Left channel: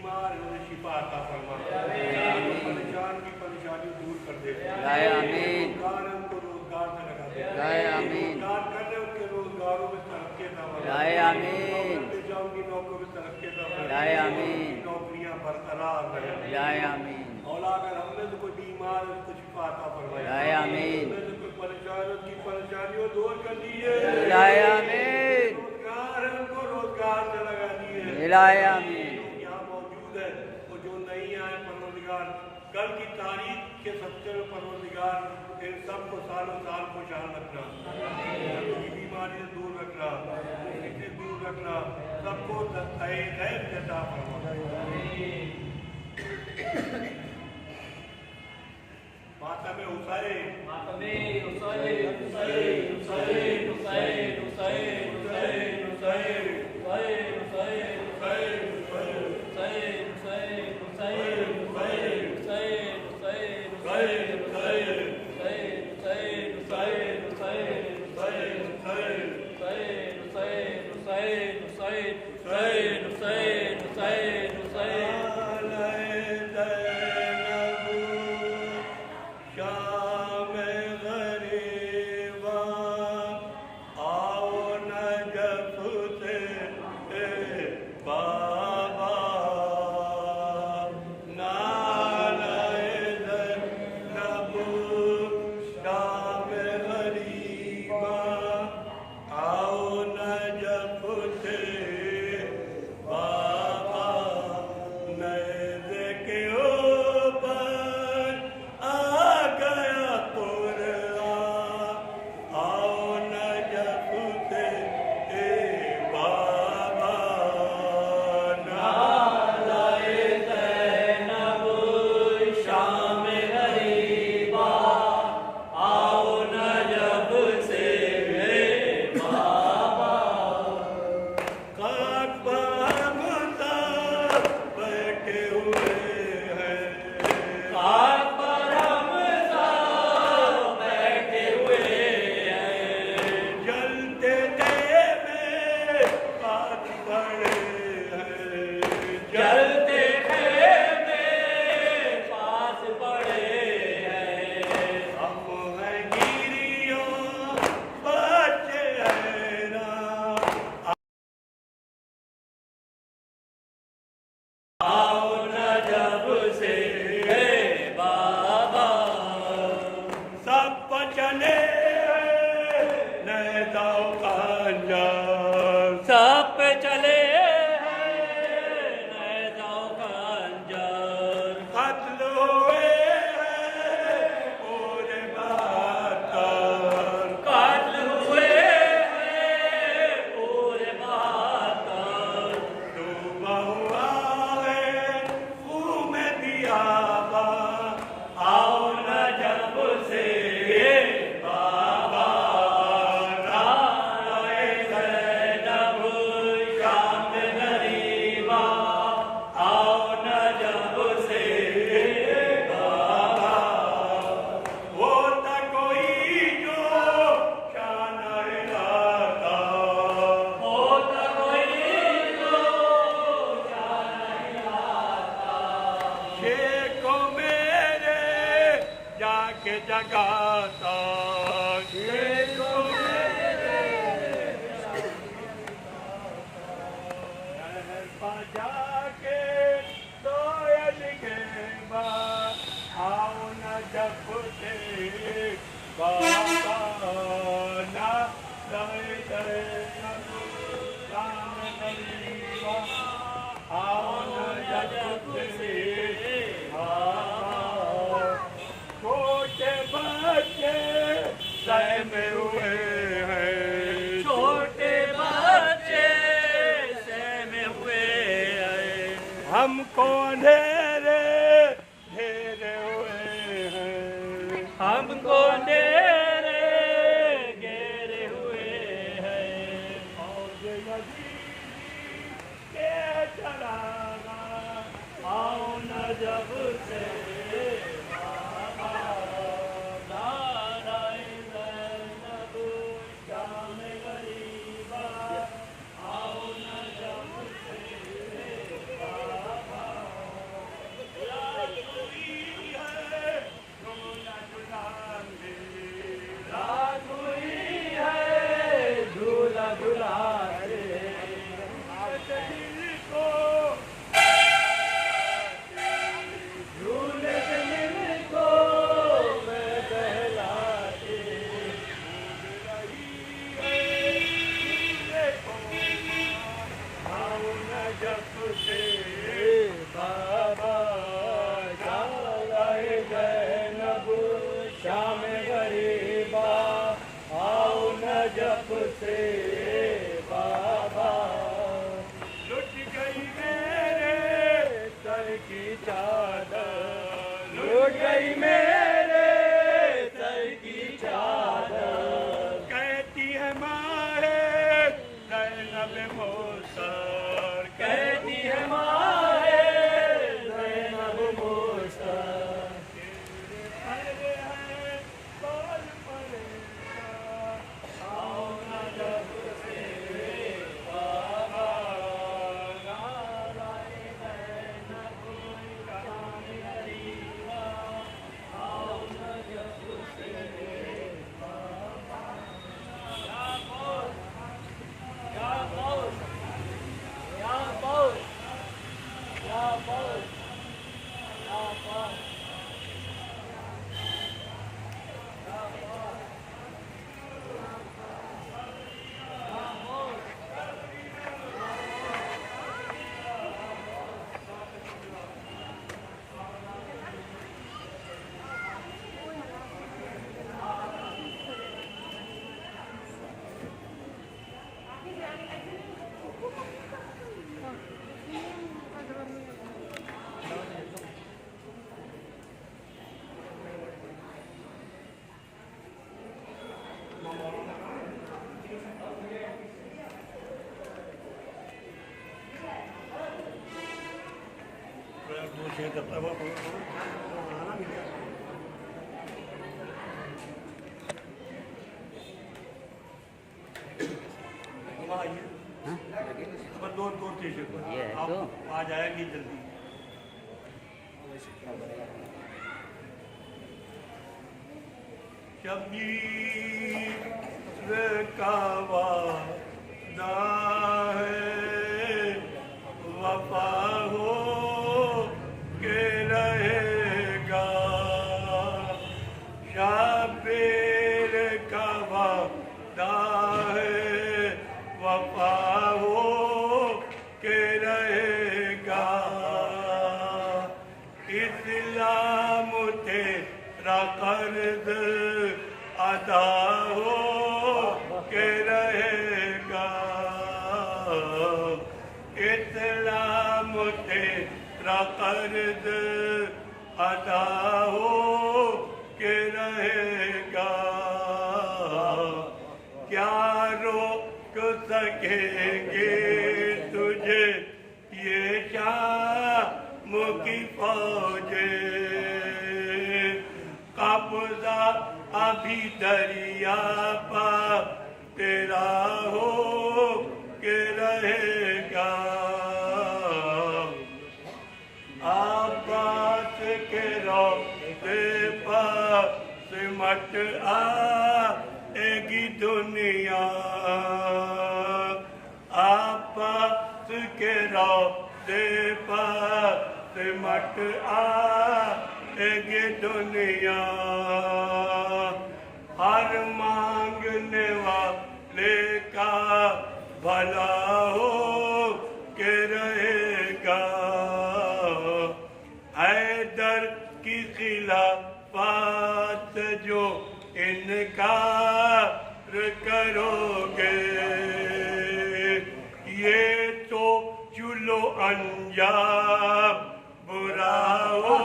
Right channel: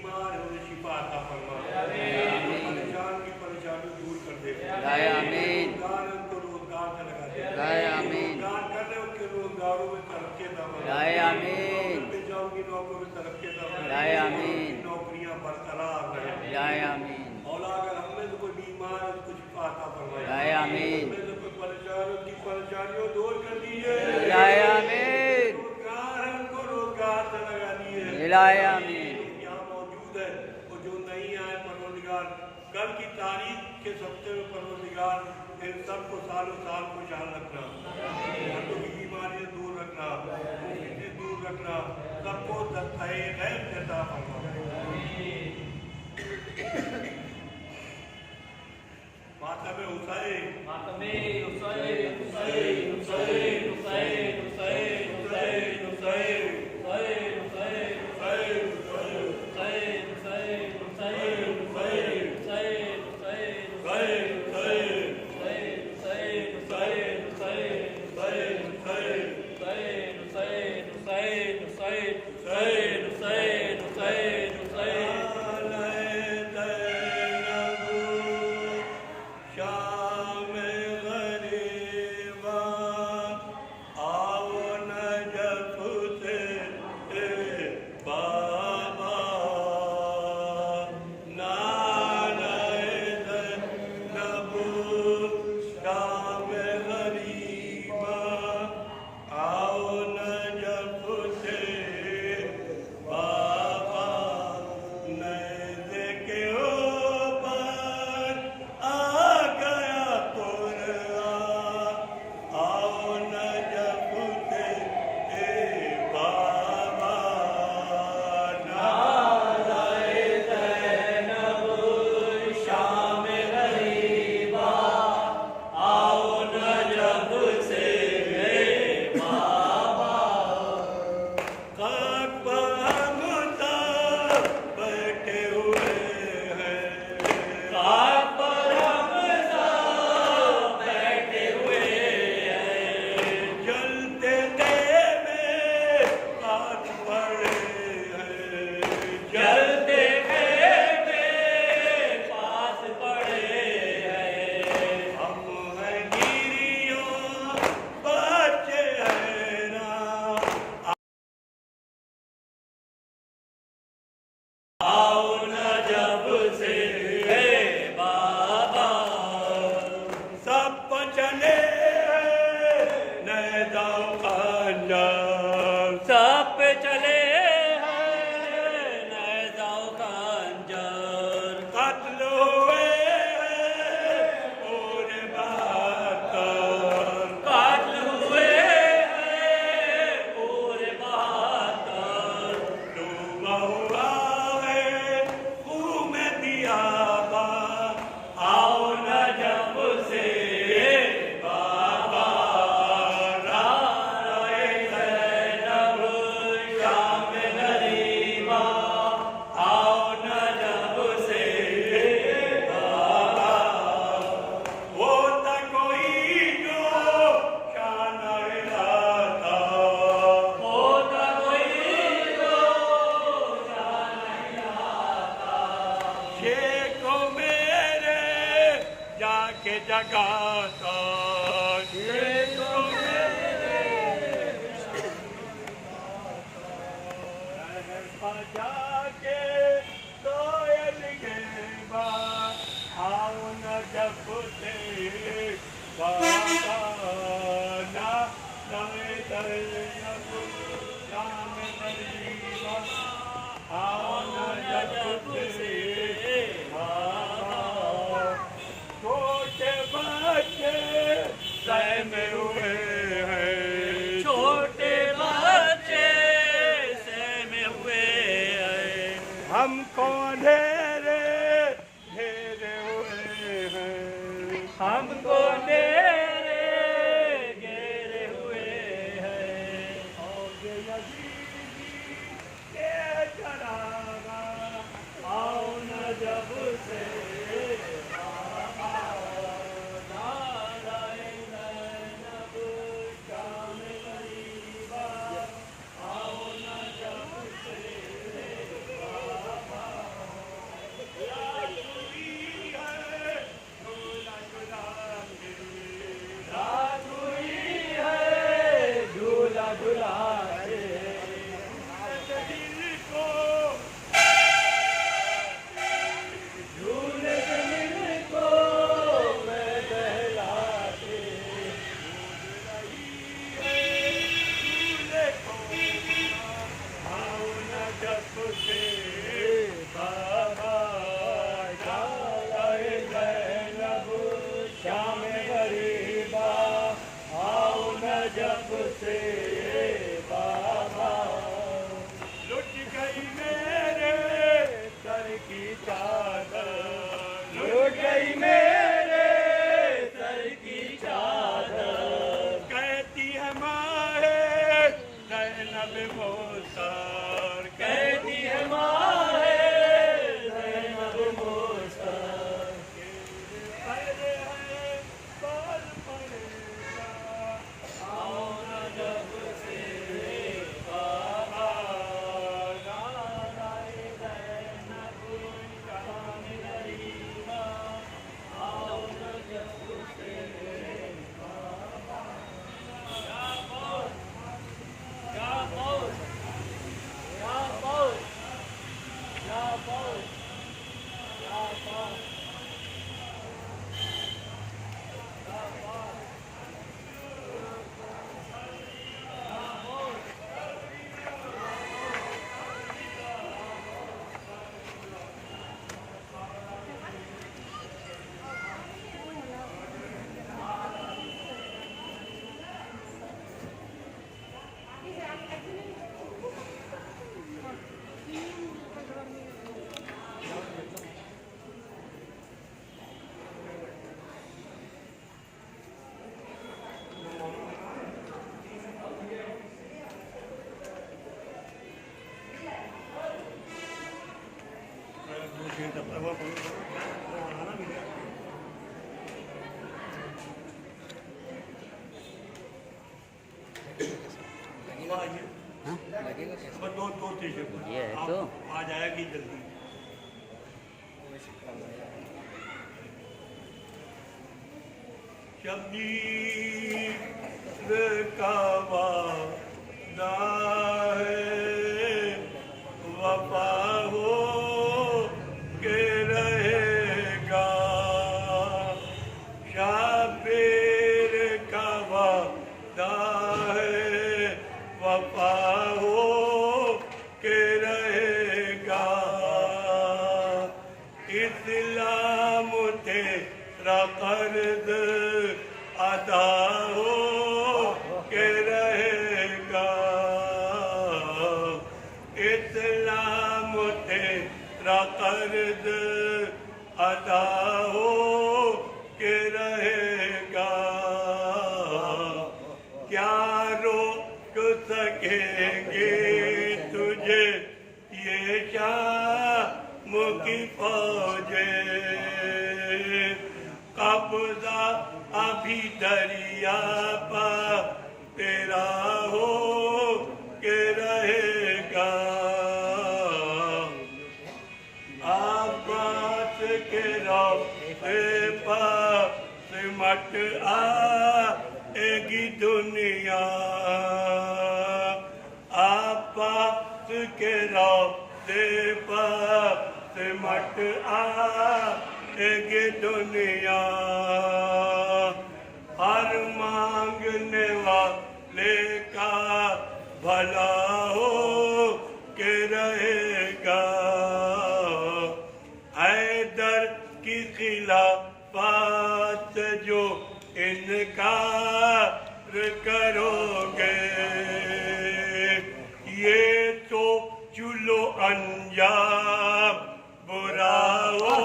बीमार है उन्हें शिफा अता फरमा, परेशान की परेशानियों दूर कर दे, आमीन। रोजगार है उनको रोजगार से लगा दे, आमीन। रोजगार कर रहे उनके रोजगारों में तरक्की अता फरमा, आमीन। पे जाऊंगी नौकरों में तरक्की अता फरमा, आमीन। नौकरियां बरकरार रहे, आमीन। और अगर हम में से कोई बीमार है उसको शिफा अता फरमाए, आमीन। हम में से कोई परेशान है उसकी परेशानियों दूर कर दीजिए, आमीन। रोजगार है उनको रोजगार से लगा दिए, आमीन। यहाँ मौजूद है और जो नहीं आए परवरदिगार कल की तारीख के सप्ते में परवरदिगार इन सबको सालों साल खुशहाल रखना, मर्दों की बीमारी से दूर रखना, मुफ्ती से दूर रखना, सबको दस्ताए खैर देता फरमा। माता में हुसैन, माता में हुसैन, हुसैन, हुसैन, हुसैन, हुसैन, हुसैन, हुसैन, जगाता जाके कोयल के बाद आओ न जपते बाबा ना रहे करे राम गरीबा आओ न जपते छोटे बच्चे सहमे हुए हैं, छोटे बच्चे सहमे हुए हैं, हमको ढेरे घेरे हुए हैं, हमको ढेरे घेरे हुए हैं, और नबी के चढ़ावा आओ न जब से नजफ से बाबा जाए ज़ैनब शाम गरीबा आओ नजफ से बाबा लुट गई मेरे सर की चादर लुट गई मेरे सर की चादर कहती है माए ज़ैनब मोसर कहती है माए ज़ैनब मोसर हाँ? दो स्टेशन पर ये है आप तो। आ जाएगी जल्दी शबीर का वादा है वफा हो के रहेगा शबीर का वादा है वफा हो के रहेगा इस्लाम तेरा कर्ज अदा हो के रहेगा इस्लाम तेरा कर्ज अदा हो के रहेगा क्या रोक सकेंगे तुझे ये शाम की फौजे कब्जा अभी दरिया पा तेरा हो के रहेगा आबाद के रोते पास मट आएगी दुनिया आबाद के रोते पास मट आएगी दुनिया हर मांगने वाले का भला हो के रहेगा हैदर की खिलाफत जो इनकार करोगे ये तो चुलो अंजाम बुरा हो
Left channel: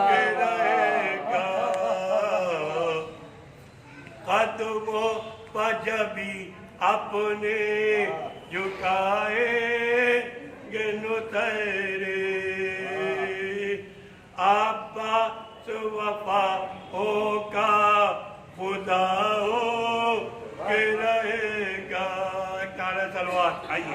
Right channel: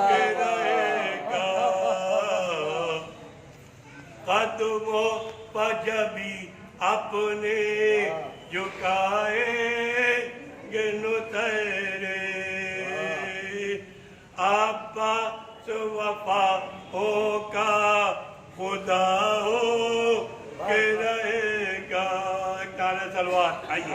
के रहेगा कदमों पर जभी अपने झुकाएंगे नुतरे अब्बास वफा होगा खुदा हो के रहेगा काला सलवार आइए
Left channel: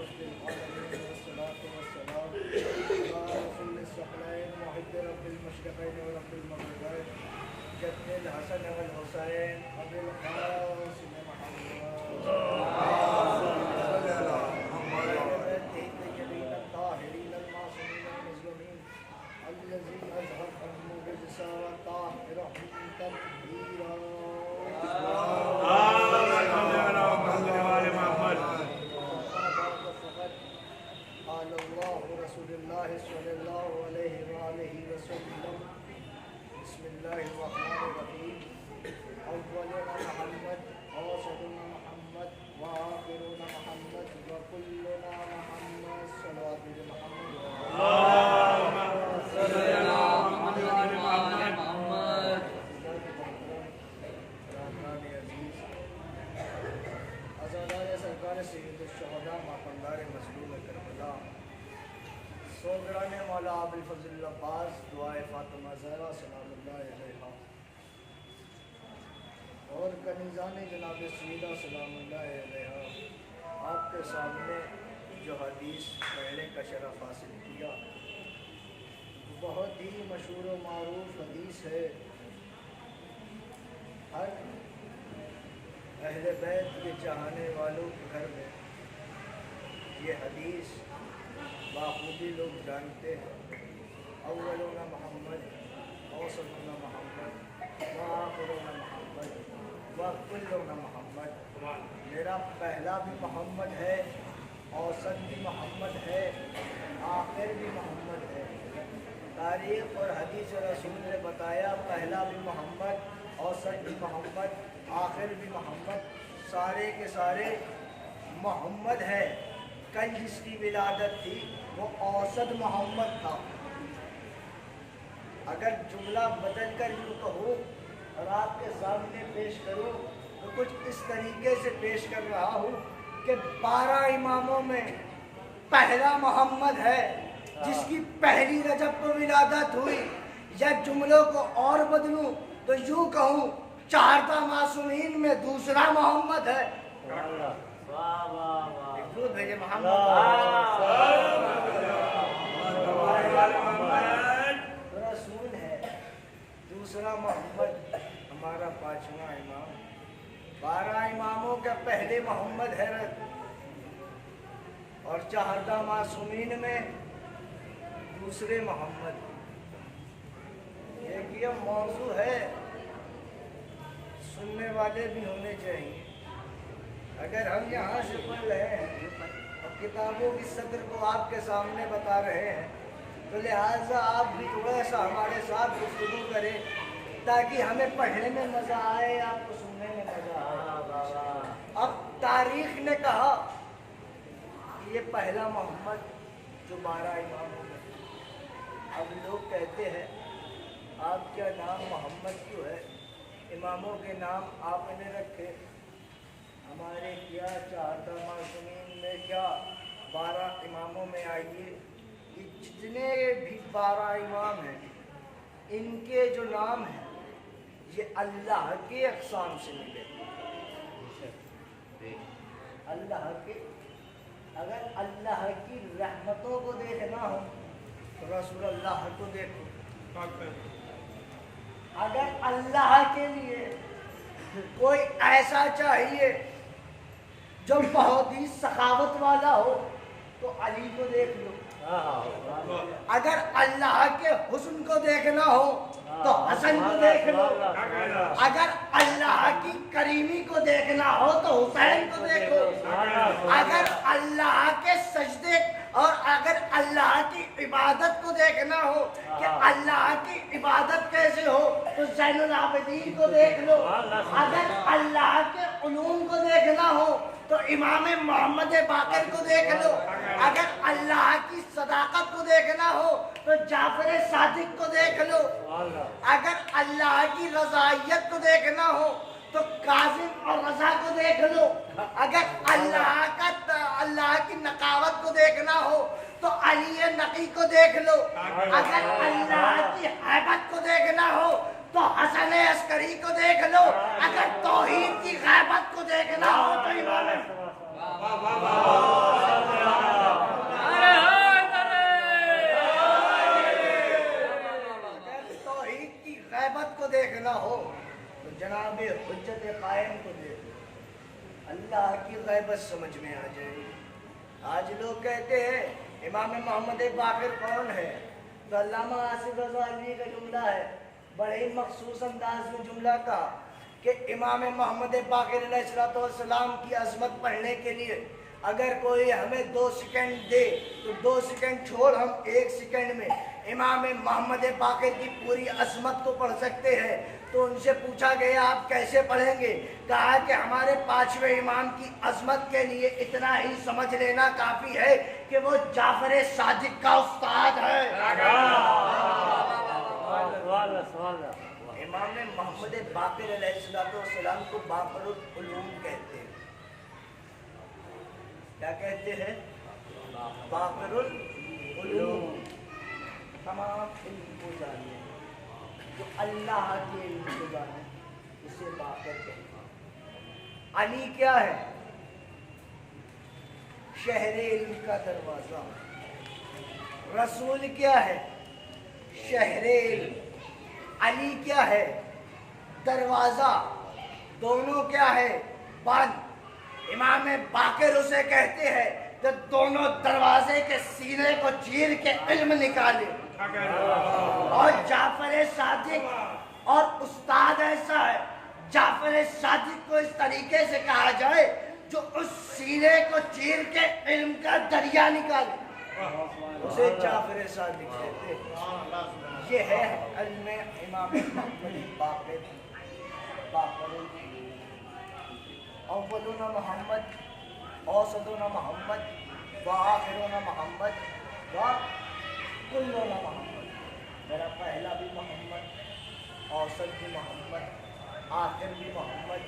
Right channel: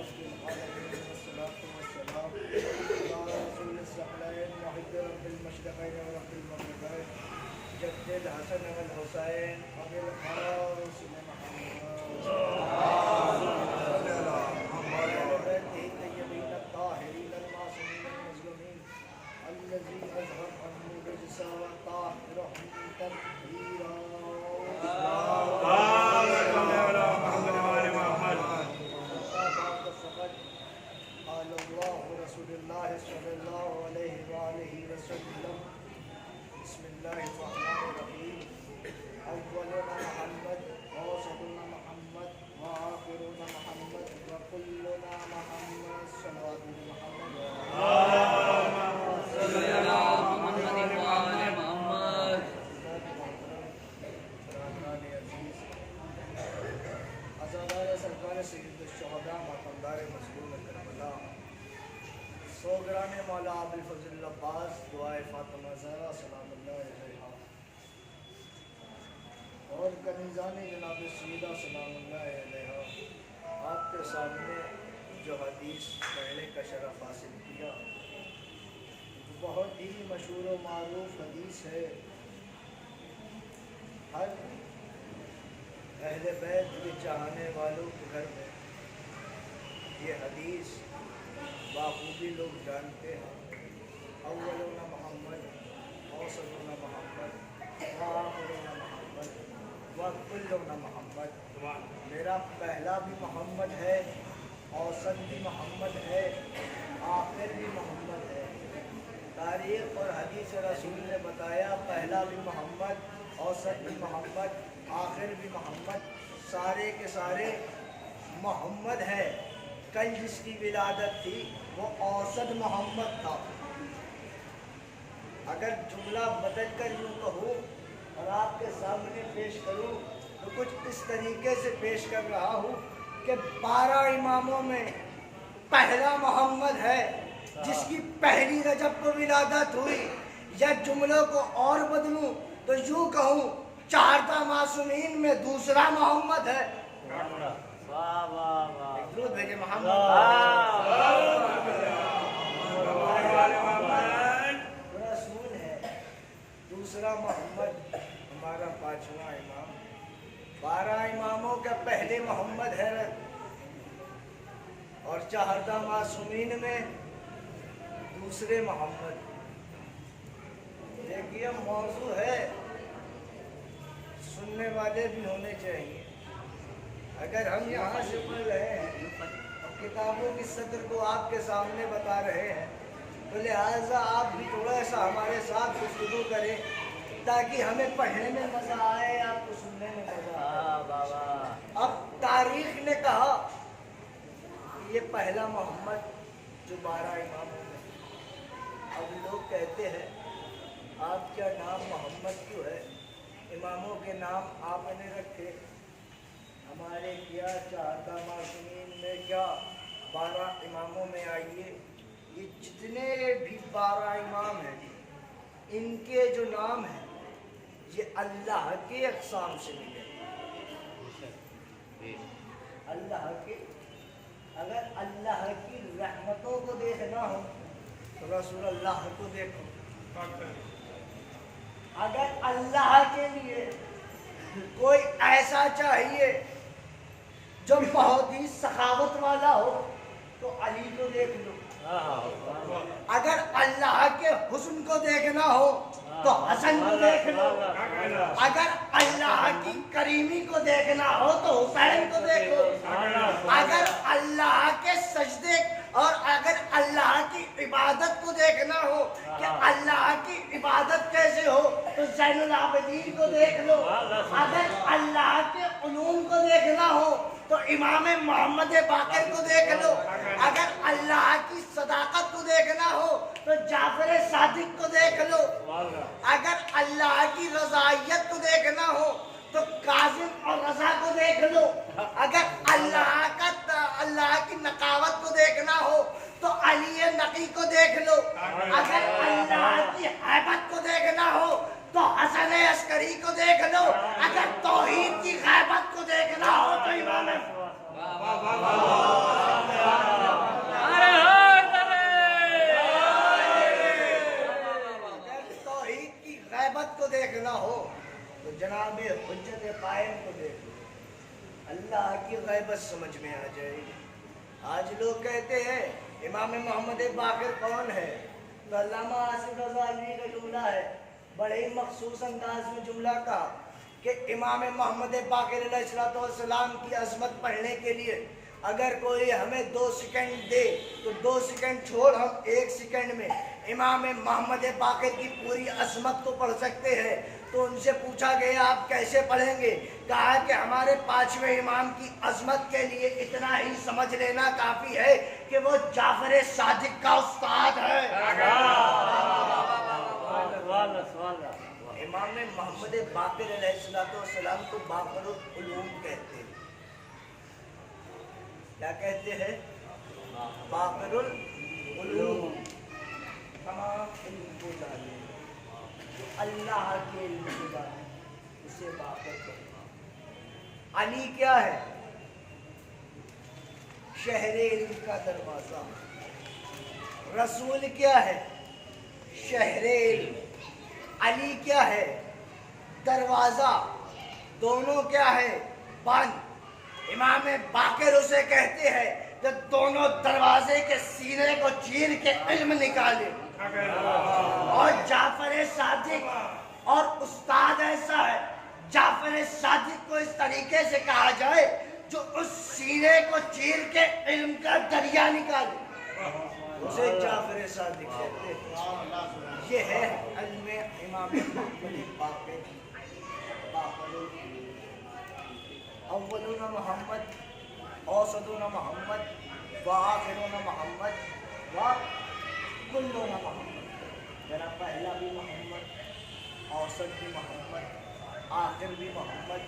रब्बिल आलमीन वस्सलातु वस्सलाम अला रसूलिस सकलैन मुहिब्बि रब्बिल मशरिक़ैन व रब्बिल मग़रिबैन जद्दिल हसन वल हुसैन अबिल क़ासिम मुहम्मद अहले बैतिही तय्यबीन अत्ताहिरीन अलमासूमीन अलमज़लूमीन अल्लज़ी अज़हब अन्हु रिज्सा व ताहिरहुम तत्हीरा रसूलुल्लाह सल्लल्लाहु अलैहि वसल्लम बिस्मिल्लाहिर्रहमानिर्रहीम अव्वलुना मुहम्मद औसतुना मुहम्मद व आखिरुना मुहम्मद व कुल्लुना मुहम्मद सल्लल्लाहु अलैहि मुहम्मद अज़ादार सरकार सैयदुल शुहदा मातमदार मज़लूम करबला सोगरान मौला अबुल फज़ल अब्बास दुआए फातिमा ज़हरा सलामुल्लाह अलैहा और कनीज़ान जनाब सईदा सलामुल्लाह अलैहा आपके सामने जो हदीस पढ़ने का शरफ़ हासिल किया बहुत ही मशहूर व मारूफ हदीस है। हर अहले बैत के चाहने वालों के घर में ये हदीस बाखूबी लोग जानते हैं। अव्वलुना मोहम्मद औसतुना मोहम्मद व आखिरुना मोहम्मद व कुल्लुना मोहम्मद। मेरा पहला भी मोहम्मद है, औसत भी मोहम्मद है, आखिर भी मोहम्मद है। तारीख़ और हदीस रसूल ने बताया पहला भी मोहम्मद, औसत भी मोहम्मद, आखिर भी मोहम्मद, सारे के सारे मोहम्मद है। कल जिसकी विलादत थी वो औसत मोहम्मद था। अगर जुमला बदल कर यूँ कहूँ और आपके सामने पेश करूँ तो कुछ इस तरीके से पेश कर रहा हूँ कि 12 इमामों में पहला मोहम्मद है जिसकी पहली रजब को विलादत हुई। या जुमलों को और बदलूँ तो यूँ कहूँ 4 मासूमीन में दूसरा मोहम्मद है। दूध भेजे मोहम्मद रसूल है, दूसरा मोहम्मद हमारा 5वां इमाम। 12 इमामों के पहले मोहम्मद है और 4 मासूमीन में दूसरे मोहम्मद। एक ये मौजू है, सुनने वाले भी होने चाहिए। अगर हम यहाँ से पढ़ रहे हैं और किताबों की सदर को आपके सामने बता रहे हैं तो लिहाजा आप भी थोड़ा सा हमारे साथ गुफ्तगू करें ताकि हमें पढ़ने में मज़ा आए, आपको सुनने में मज़ा आए। अब तारीख़ ने कहा कि ये पहला मोहम्मद जो 12 इमामों में। अब लोग कहते हैं आपका नाम मोहम्मद क्यों है, इमामों के नाम आपने रखे, हमारे क्या 4 मासूमीन में क्या 12 इमामों में आइए। ये जितने भी 12 इमाम हैं इनके जो नाम हैं ये अल्लाह के अक़साम से मिले। अल्लाह के, अगर अल्लाह की रहमतों को देखना हो तो रसूल अल्लाह को देखो। अगर अल्लाह के लिए कोई ऐसा चाहिए जो बहुत ही सखावत वाला हो तो अली को देख लो। अगर अल्लाह के हुस्न को देखना हो तो हसन को देख लो। अगर अल्लाह की करीमी को देखना हो तो हुसैन को देखो। अगर अल्लाह के सजदे और अगर अल्लाह की इबादत को देखना हो कि अल्लाह की इबादत कैसे हो तो ज़ैनुल आबिदीन को देख लो। अगर अल्लाह के उलूम को देखना हो तो इमाम मोहम्मद बाक़िर को देख लो। अगर अल्लाह की सदाकत को देखना हो तो जाफर सादिक को देख लो। अगर अल्लाह की रज़ाइयत को देखना हो तो काजिम और रज़ा को देख लो। अगर अल्लाह की नकावत को देखना हो तो अली नकी को देख लो। अगर अल्लाह की हैबत को देखना हो तो हसन अस्करी को देख लो। अगर तौहीद की गैबत को देखना हो तो इमाम अगर तौहीद की गैबत को देखना हो तो जनाब हुज्जत कायम को देख लो, अल्लाह की गैबत समझ में आ जाएगी। आज लोग कहते हैं इमाम मोहम्मद बाक़िर कौन है, तो अल्लामा आसिफ रज़ा अलवी का जुमला है, बड़े ही मखसूस अंदाज में जुमला कहा कि इमाम मोहम्मद बाक़िर अलैहिस्सलाम की अज़मत पढ़ने के लिए अगर कोई हमें 2 सेकंड दे तो 2 सेकंड छोड़ हम 1 सेकंड में इमाम मोहम्मद बाक़िर की पूरी अज़मत को पढ़ सकते हैं। तो उनसे पूछा गया आप कैसे पढ़ेंगे, कहा कि हमारे 5वें इमाम की अज़मत के लिए इतना ही समझ लेना काफ़ी है कि वो जाफ़र सादिक का उस्ताद है। इमाम मोहम्मद बाक़िर अलैहिस्सलाम को बाक़िरुल उलूम कहते हैं। क्या कहते हैं? बाक़िरुल उलूम, तमाम इल्म को जाने, जो अल्लाह के इल्म को जाने उसे बाक़िर कहते हैं। अली क्या है? शहरे इल्म का दरवाज़ा। रसूल क्या है? शहरे इल्म। अली क्या है? दरवाज़ा। दोनों क्या है? बंद। इमाम बाक़िर उसे कहते हैं जो दोनों दरवाजे के सीने को चीर के इल्म निकाले। और जाफ़र सादिक और उस्ताद ऐसा है, जाफ़र सादिक को इस तरीके से कहा जाए जो उस सीने को चीर के इल्म का दरिया निकाले, उसे जाफ़र सादिक कहते हैं। ये है इल्म इमाम मोहम्मद बाक़िर। अव्वलुना मोहम्मद, औसतुना मोहम्मद, व आखिरुना मोहम्मद, व कुल्लुना मोहम्मद। मेरा पहला भी मोहम्मद, औसत भी मोहम्मद, आखिर भी मोहम्मद,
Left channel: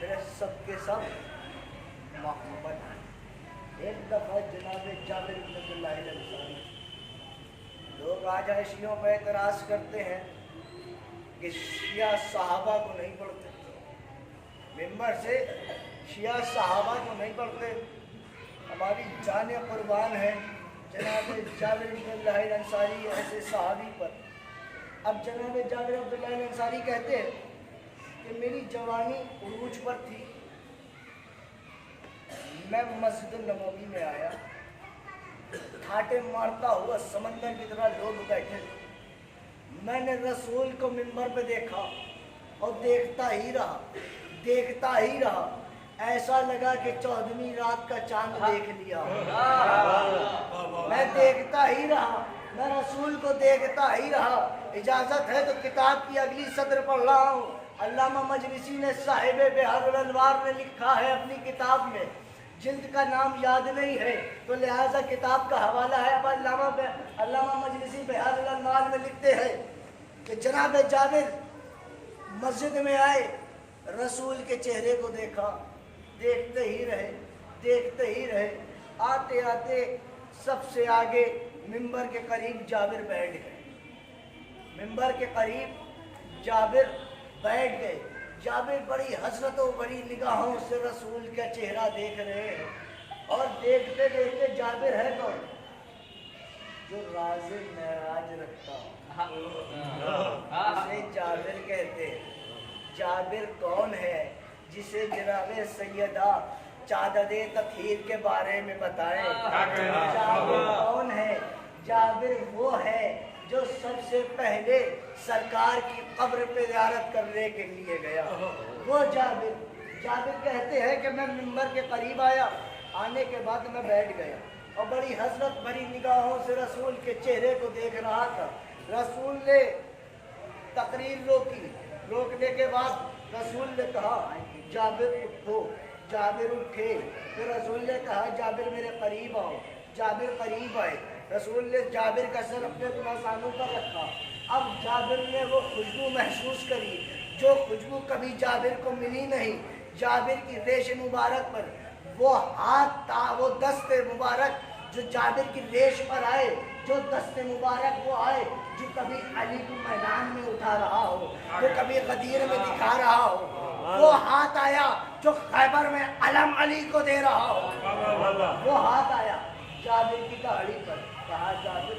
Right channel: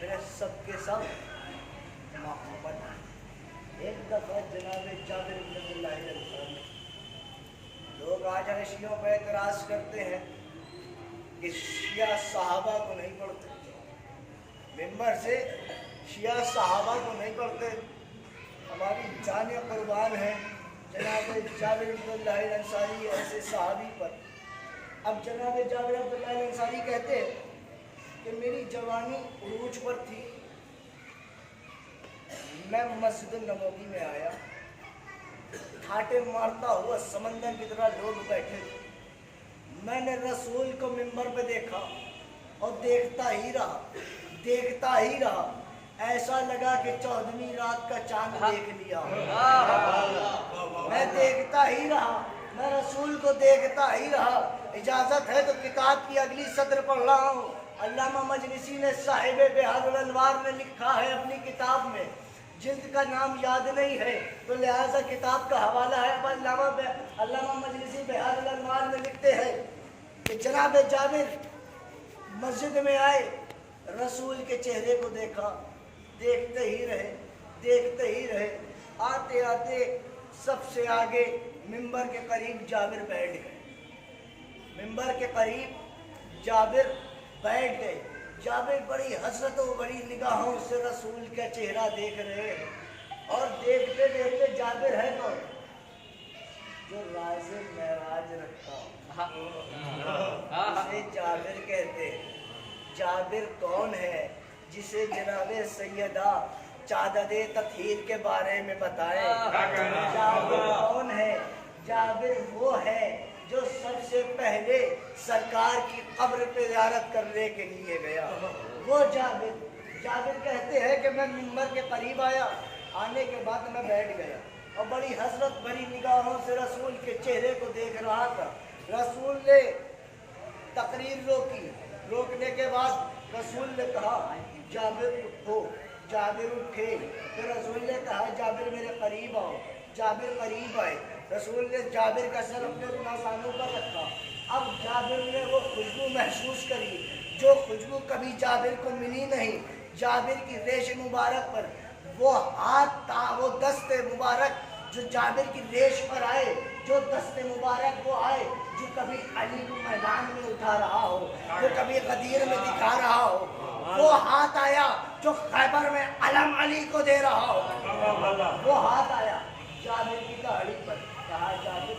मेरे सब के सब मोहम्मद। एक दफ़ा जनाब जाबिर इब्न अब्दुल्लाह अल-अंसारी, लोग आज शियों पर एतराज़ करते हैं कि शिया सहाबा को नहीं पढ़ते, मिंबर से शिया सहाबा को नहीं पढ़ते। हमारी जान कुर्बान है जनाब जाबिर इब्न अब्दुल्लाह अल-अंसारी ऐसे सहाबी पर। अब जनाब जाबिर इब्न अब्दुल्लाह अल-अंसारी कहते हैं कि मेरी जवानी उरूज पर थी, मैं मस्जिद नबवी में आया, ठाटे मारता हुआ समंदर की तरह लोग बैठे थे। मैंने रसूल को मिंबर पे देखा और देखता ही रहा, ऐसा लगा कि 14वीं रात का चांद देख लिया। मैं देखता ही रहा, मैं रसूल को देखता ही रहा। इजाज़त है तो किताब की अगली सत्र पढ़ रहा हूँ। अल्लामा मजलिसी ने साहिब बिहारुल अनवार ने लिखा है अपनी किताब में, जिल्द का नाम याद नहीं है तो लिहाजा किताब का हवाला है। अब अल्लामा मजलिसी बिहारुल अनवार में लिखते हैं कि जनाब जाबिर मस्जिद में आए, रसूल के चेहरे को देखा, देखते ही रहे। आते आते सबसे आगे मिंबर के करीब जाबिर बैठ गए। मिंबर के करीब जाबिर बैठ गए। जाबिर बड़ी हसरतों बड़ी निगाहों से रसूल का चेहरा देख रहे हैं और देखते देखते जाबिर है कौन? जो राज़े मेराज रखता हो, उसे जाबिर कहते हैं। जाबिर कौन है? जिसे जनाबे सैयदा चाददे तत्हीर के बारे में बताएं। जाबिर कौन है? जाबिर वो है जो सबसे पहले सरकार की कब्र पे ज़ियारत करने के लिए गया। वो जाबिर कहते हैं कि मैं मिंबर के करीब आया, आने के बाद मैं बैठ गया और बड़ी हसरत भरी निगाहों से रसूल के चेहरे को देख रहा था। रसूल ने तकरीर रोकी, रोकने के बाद रसूल ने कहा जाबिर उठो। जाबिर उठे तो रसूल ने कहा जाबिर मेरे करीब आओ। जाबिर करीब आए, रसूल ने जाबिर का सर अपने गुनासानों पर रखा। अब जाबिर ने वो खुशबू महसूस करी जो खुशबू कभी जाबिर को मिली नहीं। जाबिर की रेश मुबारक पर वो हाथ था, वो दस्ते मुबारक जो जाबिर की रेश पर आए, जो दस्ते मुबारक वो आए जो कभी अली को मैदान में उठा रहा हो, जो कभी गदीर में दिखा रहा हो। वो हाथ आया जो खैबर में अलम अली को दे रहा हो। वो हाथ आया जाबिर की दाढ़ी पर, कहा जाबिर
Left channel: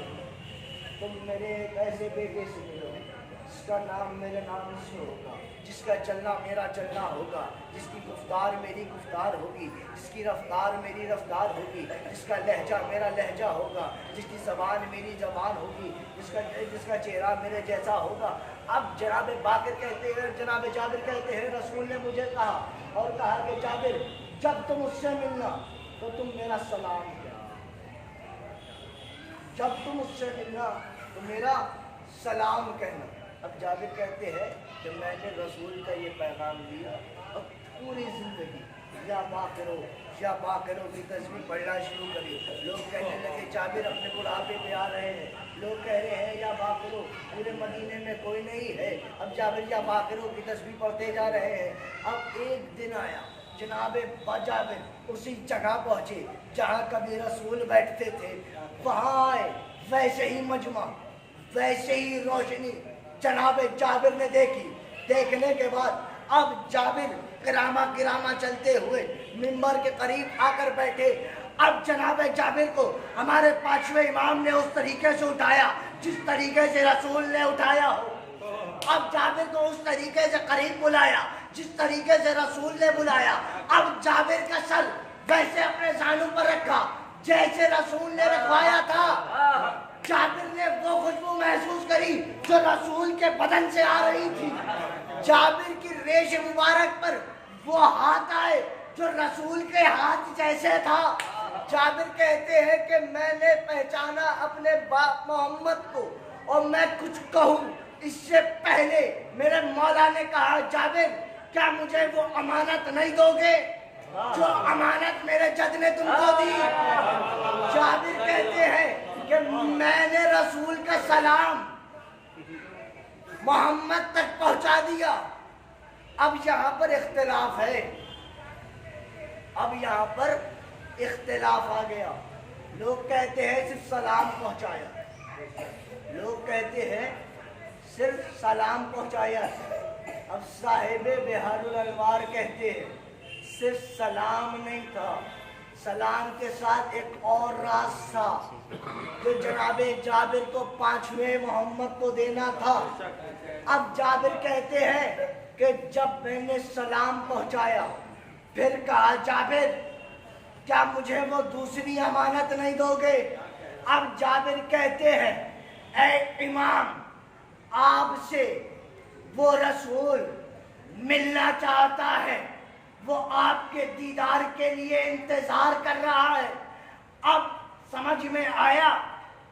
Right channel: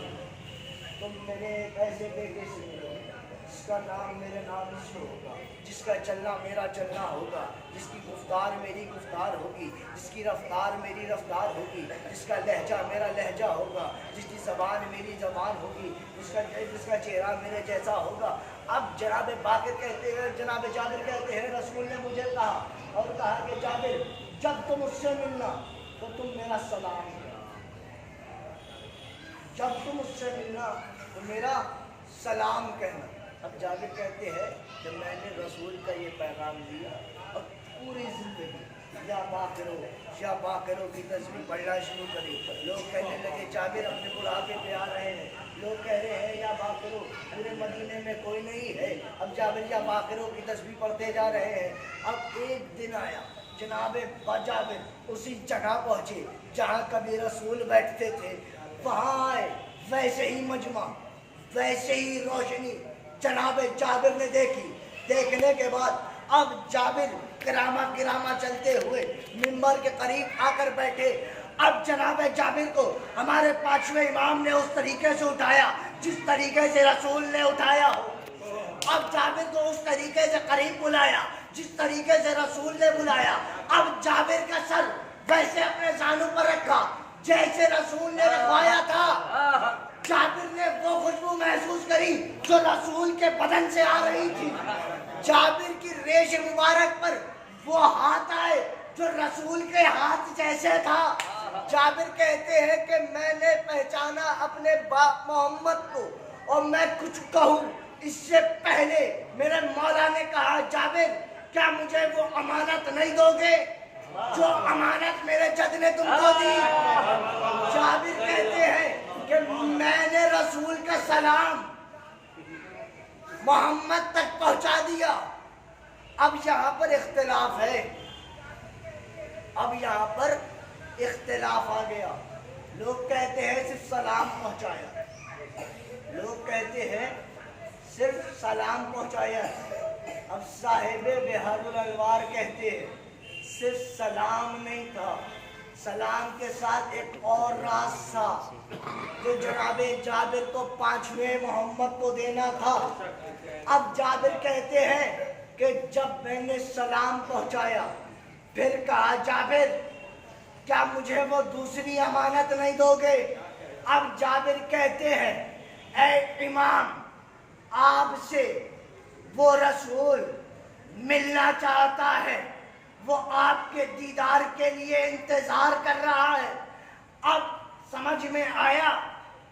तुम मेरे एक ऐसे बेटे से मिलो जिसका नाम मेरे नाम से होगा, जिसका चलना मेरा चलना होगा, जिसकी गुफ्तार मेरी गुफ्तार होगी, जिसकी रफ्तार मेरी रफ्तार होगी, जिसका लहजा मेरा लहजा होगा, जिसकी ज़बान मेरी ज़बान होगी, जिसका चेहरा मेरे जैसा होगा। अब जनाब बाकिर कहते हैं, जनाब जाबिर कहते हैं रसूल ने मुझे कहा और कहा कि जाबिर जब तुम उससे मिलना तो तुम मेरा सलाम कहना, जब तुम उससे मिलना तो मेरा सलाम कहना। अब जाबिर कहते हैं कि मैंने रसूल का ये पैगाम लिया और पूरी ज़िंदगी या बाकरो की तस्वीर पढ़ना शुरू करी। लोग कहने लगे जाबिर अपने बुढ़ापे पे आ रहे हैं, लोग कह रहे हैं या बाकरो, पूरे मदीने में कोई नहीं है। अब जाबिर या बाकरो की तस्वीर पढ़ते जा रहे हैं। अब एक दिन आया, जनाब जाबिर उसी जगह पहुँचे जहाँ कभी रसूल बैठते थे, वहाँ आए, वैसे ही मजमा, वैसे ही रोशनी जनाब जाबिर ने देखी। देखने के बाद अब जाबिर किरामा चलते हुए मिंबर के करीब आकर बैठे। अब जनाब जाबिर को हमारे पांचवें इमाम ने उस तरीके से उठाया जिस तरीके से रसूल ने उठाया हो। अब जाबिर को उस तरीके से करीब बुलाया जिस तरीके से रसूल ने बुलाया। अब जाबिर का सर वैसे अपने जानू पर रखा जैसे रसूल ने रखवाया था। जाबिर ने वो खुशबू महसूस करी जो रसूल के बदन से आ रही थी। जाबिर की रेश मुबारक पर वो हाथ आए जो रसूल के हाथ जैसे था। जाबिर कहते हैं कि मैंने पहचाना अपने बाप मोहम्मद को और मैं कुछ कहूँ इससे पहले मेरे मौला ने कहा जाबिर क्या मुझे वो अमानत नहीं दोगे जो अमानत मेरे जद ने तुमको दी। जाबिर कहते हैं कि मैंने रसूल का सलाम मोहम्मद तक पहुंचा दिया। अब यहाँ पर इख्तिलाफ है, अब यहाँ पर इख्तिलाफ आ गया। लोग कहते हैं सिर्फ सलाम पहुंचाया, लोग कहते हैं सिर्फ सलाम पहुंचाया। अब साहिबे बिहारुल अनवार कहते हैं सिर्फ सलाम नहीं था, सलाम के साथ एक और राज था जो जनाबे जाबिर को पांचवें मोहम्मद को देना था। अब जाबिर कहते हैं कि जब मैंने सलाम पहुंचाया फिर कहा जाबिर क्या मुझे वो दूसरी अमानत नहीं दोगे। अब जाबिर कहते हैं ऐ इमाम आपसे वो रसूल मिलना चाहता है, वो आपके दीदार के लिए इंतजार कर रहा है। अब समझ में आया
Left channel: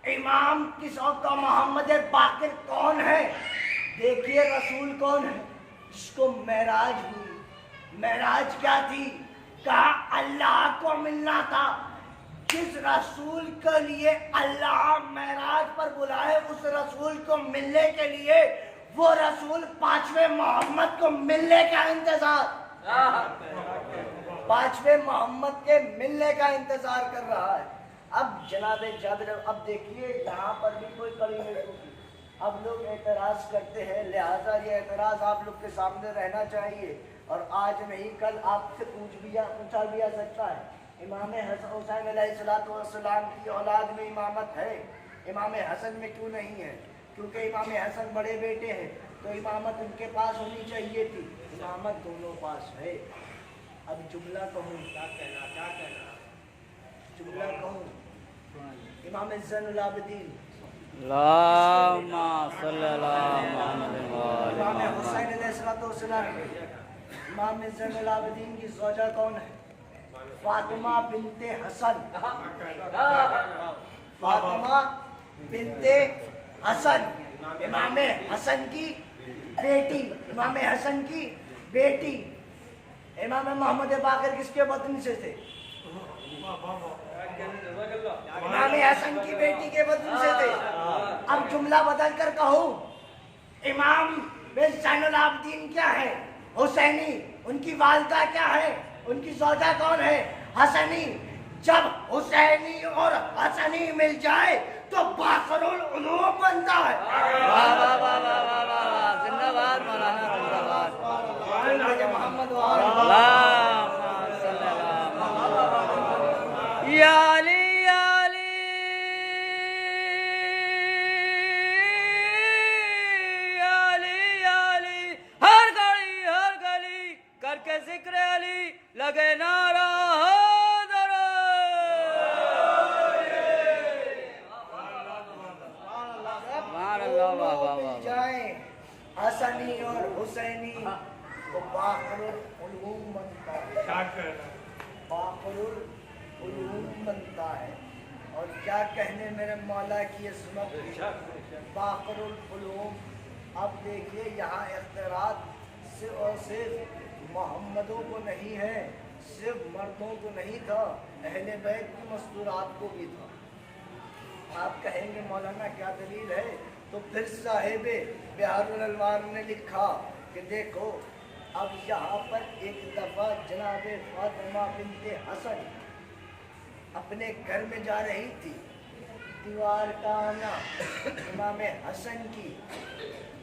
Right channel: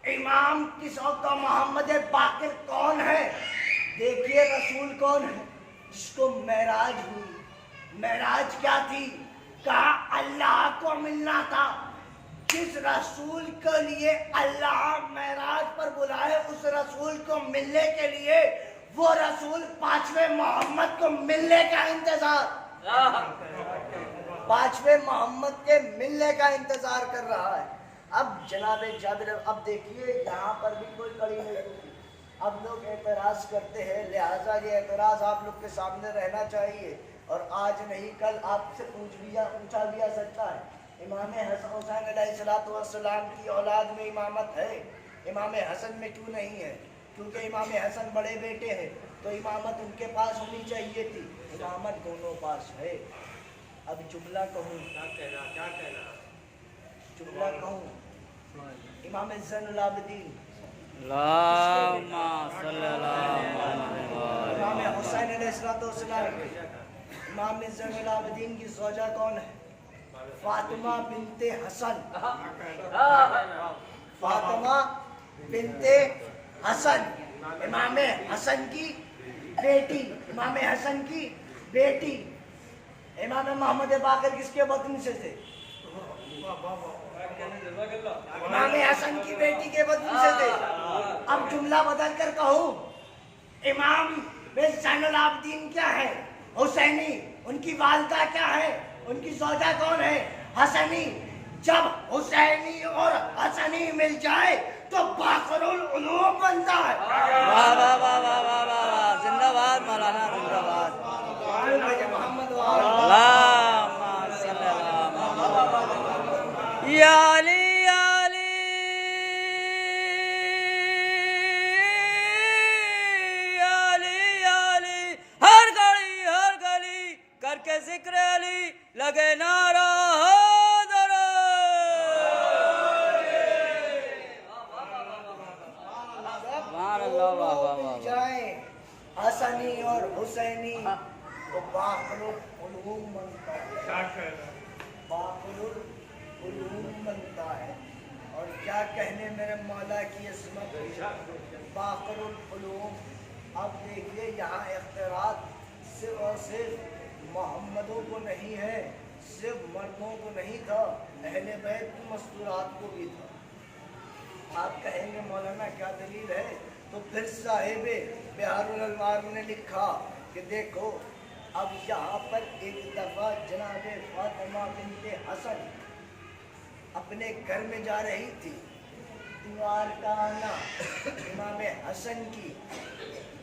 इमाम किस का मोहम्मद बाकिर कौन है। देखिए रसूल कौन है जिसको मेराज हुई। मेराज क्या थी, कहा अल्लाह को मिलना था। जिस रसूल के लिए अल्लाह मेराज पर बुलाए उस रसूल को मिलने के लिए वो रसूल पांचवें मोहम्मद को मिलने का इंतजार, पांचवें मोहम्मद के मिलने का इंतजार कर रहा है। अब जनाब जाबिर अब देखिए यहाँ पर भी कोई कड़ी नहीं। अब लोग एतराज करते हैं, लिहाजा ये एतराज आप लोग के सामने रहना चाहिए और आज नहीं कल आपसे पूछा भी आ सकता है। इमाम हसन हुसैन अलैहिस्सलाम की औलाद में इमामत है, इमाम हसन में क्यों नहीं है? क्योंकि इमाम हसन बड़े बेटे हैं तो इमामत उनके पास होनी चाहिए थी, इमामत दोनों पास है। अब जुमला कहूँ, जुमला कहूँ, इमाम ज़ैनुल आबिदीन इमाम हुसैन अलैहिस्सलाम, इमाम ज़ैनुल आबिदीन की ज़ौजा कौन है? फातिमा बिनते हसन, फातिमा बिनते हसन, इमाम हसन की बेटी, इमाम हसन की बेटी। इमाम मोहम्मद बाकिर किसके बदन से थे? इमाम हसन की बेटी के बदन से थे। अब जुमला बदल कर कहूँ, इमाम ज़ैनुल आबिदीन क्या है? हुसैनी। उनकी वालिदा क्या है? उनकी ज़ौजा कौन है? हसनी। जब हुसैनी और हसनी मिल जाए तो बाकरुल उलूम बनता है। वाह वाह वाह वाह वाह वाह, जिंदाबाद मौलाना, जिंदाबाद। मोहम्मद अल्लाहुम्मा सल्ली अला मुहम्मद। याली याली याली याली हर गली करके जिक्र अली लगे नारा हैदर। मिल जाए हसनी और हुसैनी तो बाखरुल उलूम बनता है, बाखरुल उलूम बनता है। और क्या कहने मेरे मौला की अज़मत, बाखरुल उलूम। अब देखिए यहाँ इख्तिरात सिर्फ और सिर्फ मोहम्मदों को नहीं है, सिर्फ मर्दों को नहीं था, अहले बैत की मस्तूरात को भी था। आप कहेंगे मौलाना क्या दलील है, तो फिर साहिब बिहारुल अनवार ने लिखा कि देखो अब यहाँ पर एक दफ़ा जनाब फातिमा बिन्ते हसन अपने घर में जा रही थी। दीवार का आना इमाम हसन की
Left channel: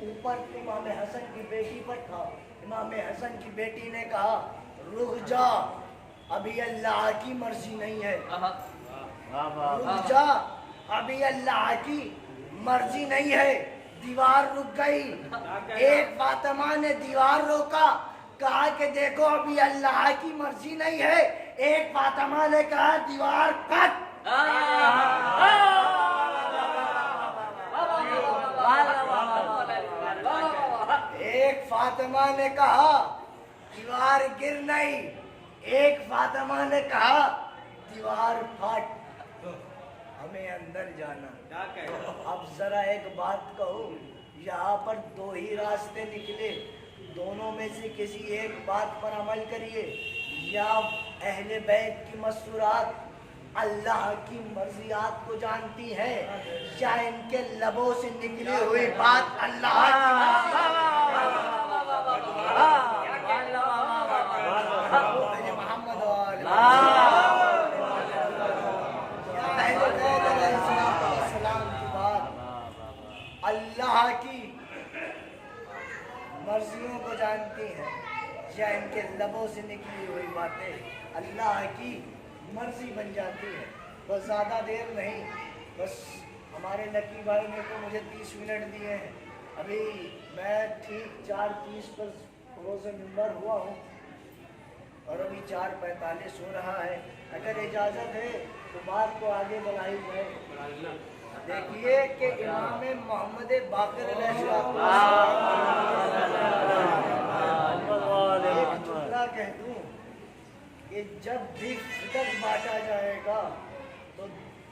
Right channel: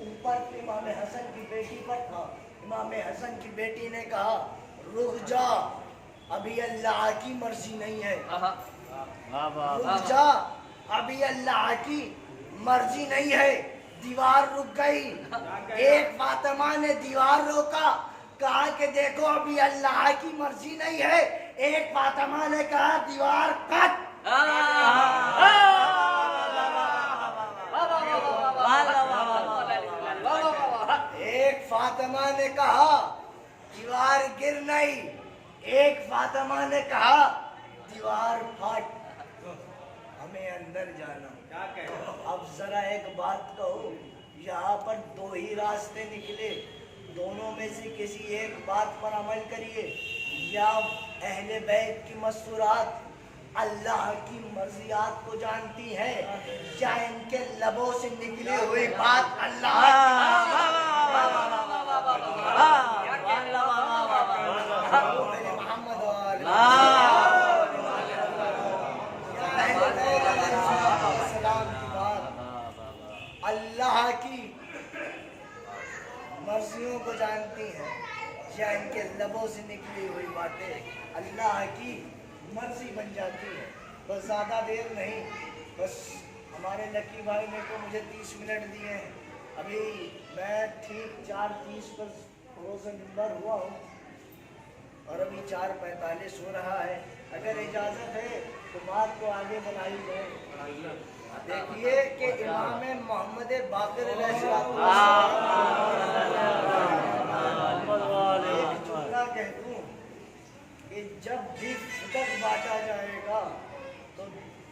ऊपर इमाम हसन की बेटी पर था। इमाम हसन की बेटी ने कहा रुक जा, अभी अल्लाह की मर्जी नहीं है, रुक जा, अभी अल्लाह की मर्जी नहीं है। दीवार रुक गई। एक फातिमा ने दीवार रोका, कहा कि देखो अभी अल्लाह की मर्जी नहीं है। एक फातिमा ने कहा दीवार कट। एक फातिमा ने कहा दीवार गिर नहीं, एक फातिमा ने कहा दीवार फट। हमें अंदर जाना। अब जरा एक बात कहो, यहाँ पर दो ही रास्ते निकले, दोनों में से किसी एक बात पर अमल करिए, या अहले बैत की मस्तूरात अल्लाह की मर्जियात को जानती है, या इनके लबों से निकली हुई बात अल्लाह की मोहम्मद सलाम की बात अल्लाह की मर्जियों को जानती हैं, या इनके लबों से निकली हुई बातें अल्लाह की मर्जी बन जाती है। बस ज़्यादा देर नहीं, बस हमारे लकी भाई ने तो मुझे 30 मिनट दिए हैं। अभी मैं ठीक 4:30 पर रोज़ मिंबर हुआ हूँ और अभी 4:45 हो रहा है। अगर इजाज़त है तो बात को आगे बढ़ाई जाए। देखिए कि इमाम मोहम्मद बाक़िर एक जुमला कह दूं कि जब भी फिदक बांटा जाएगा तो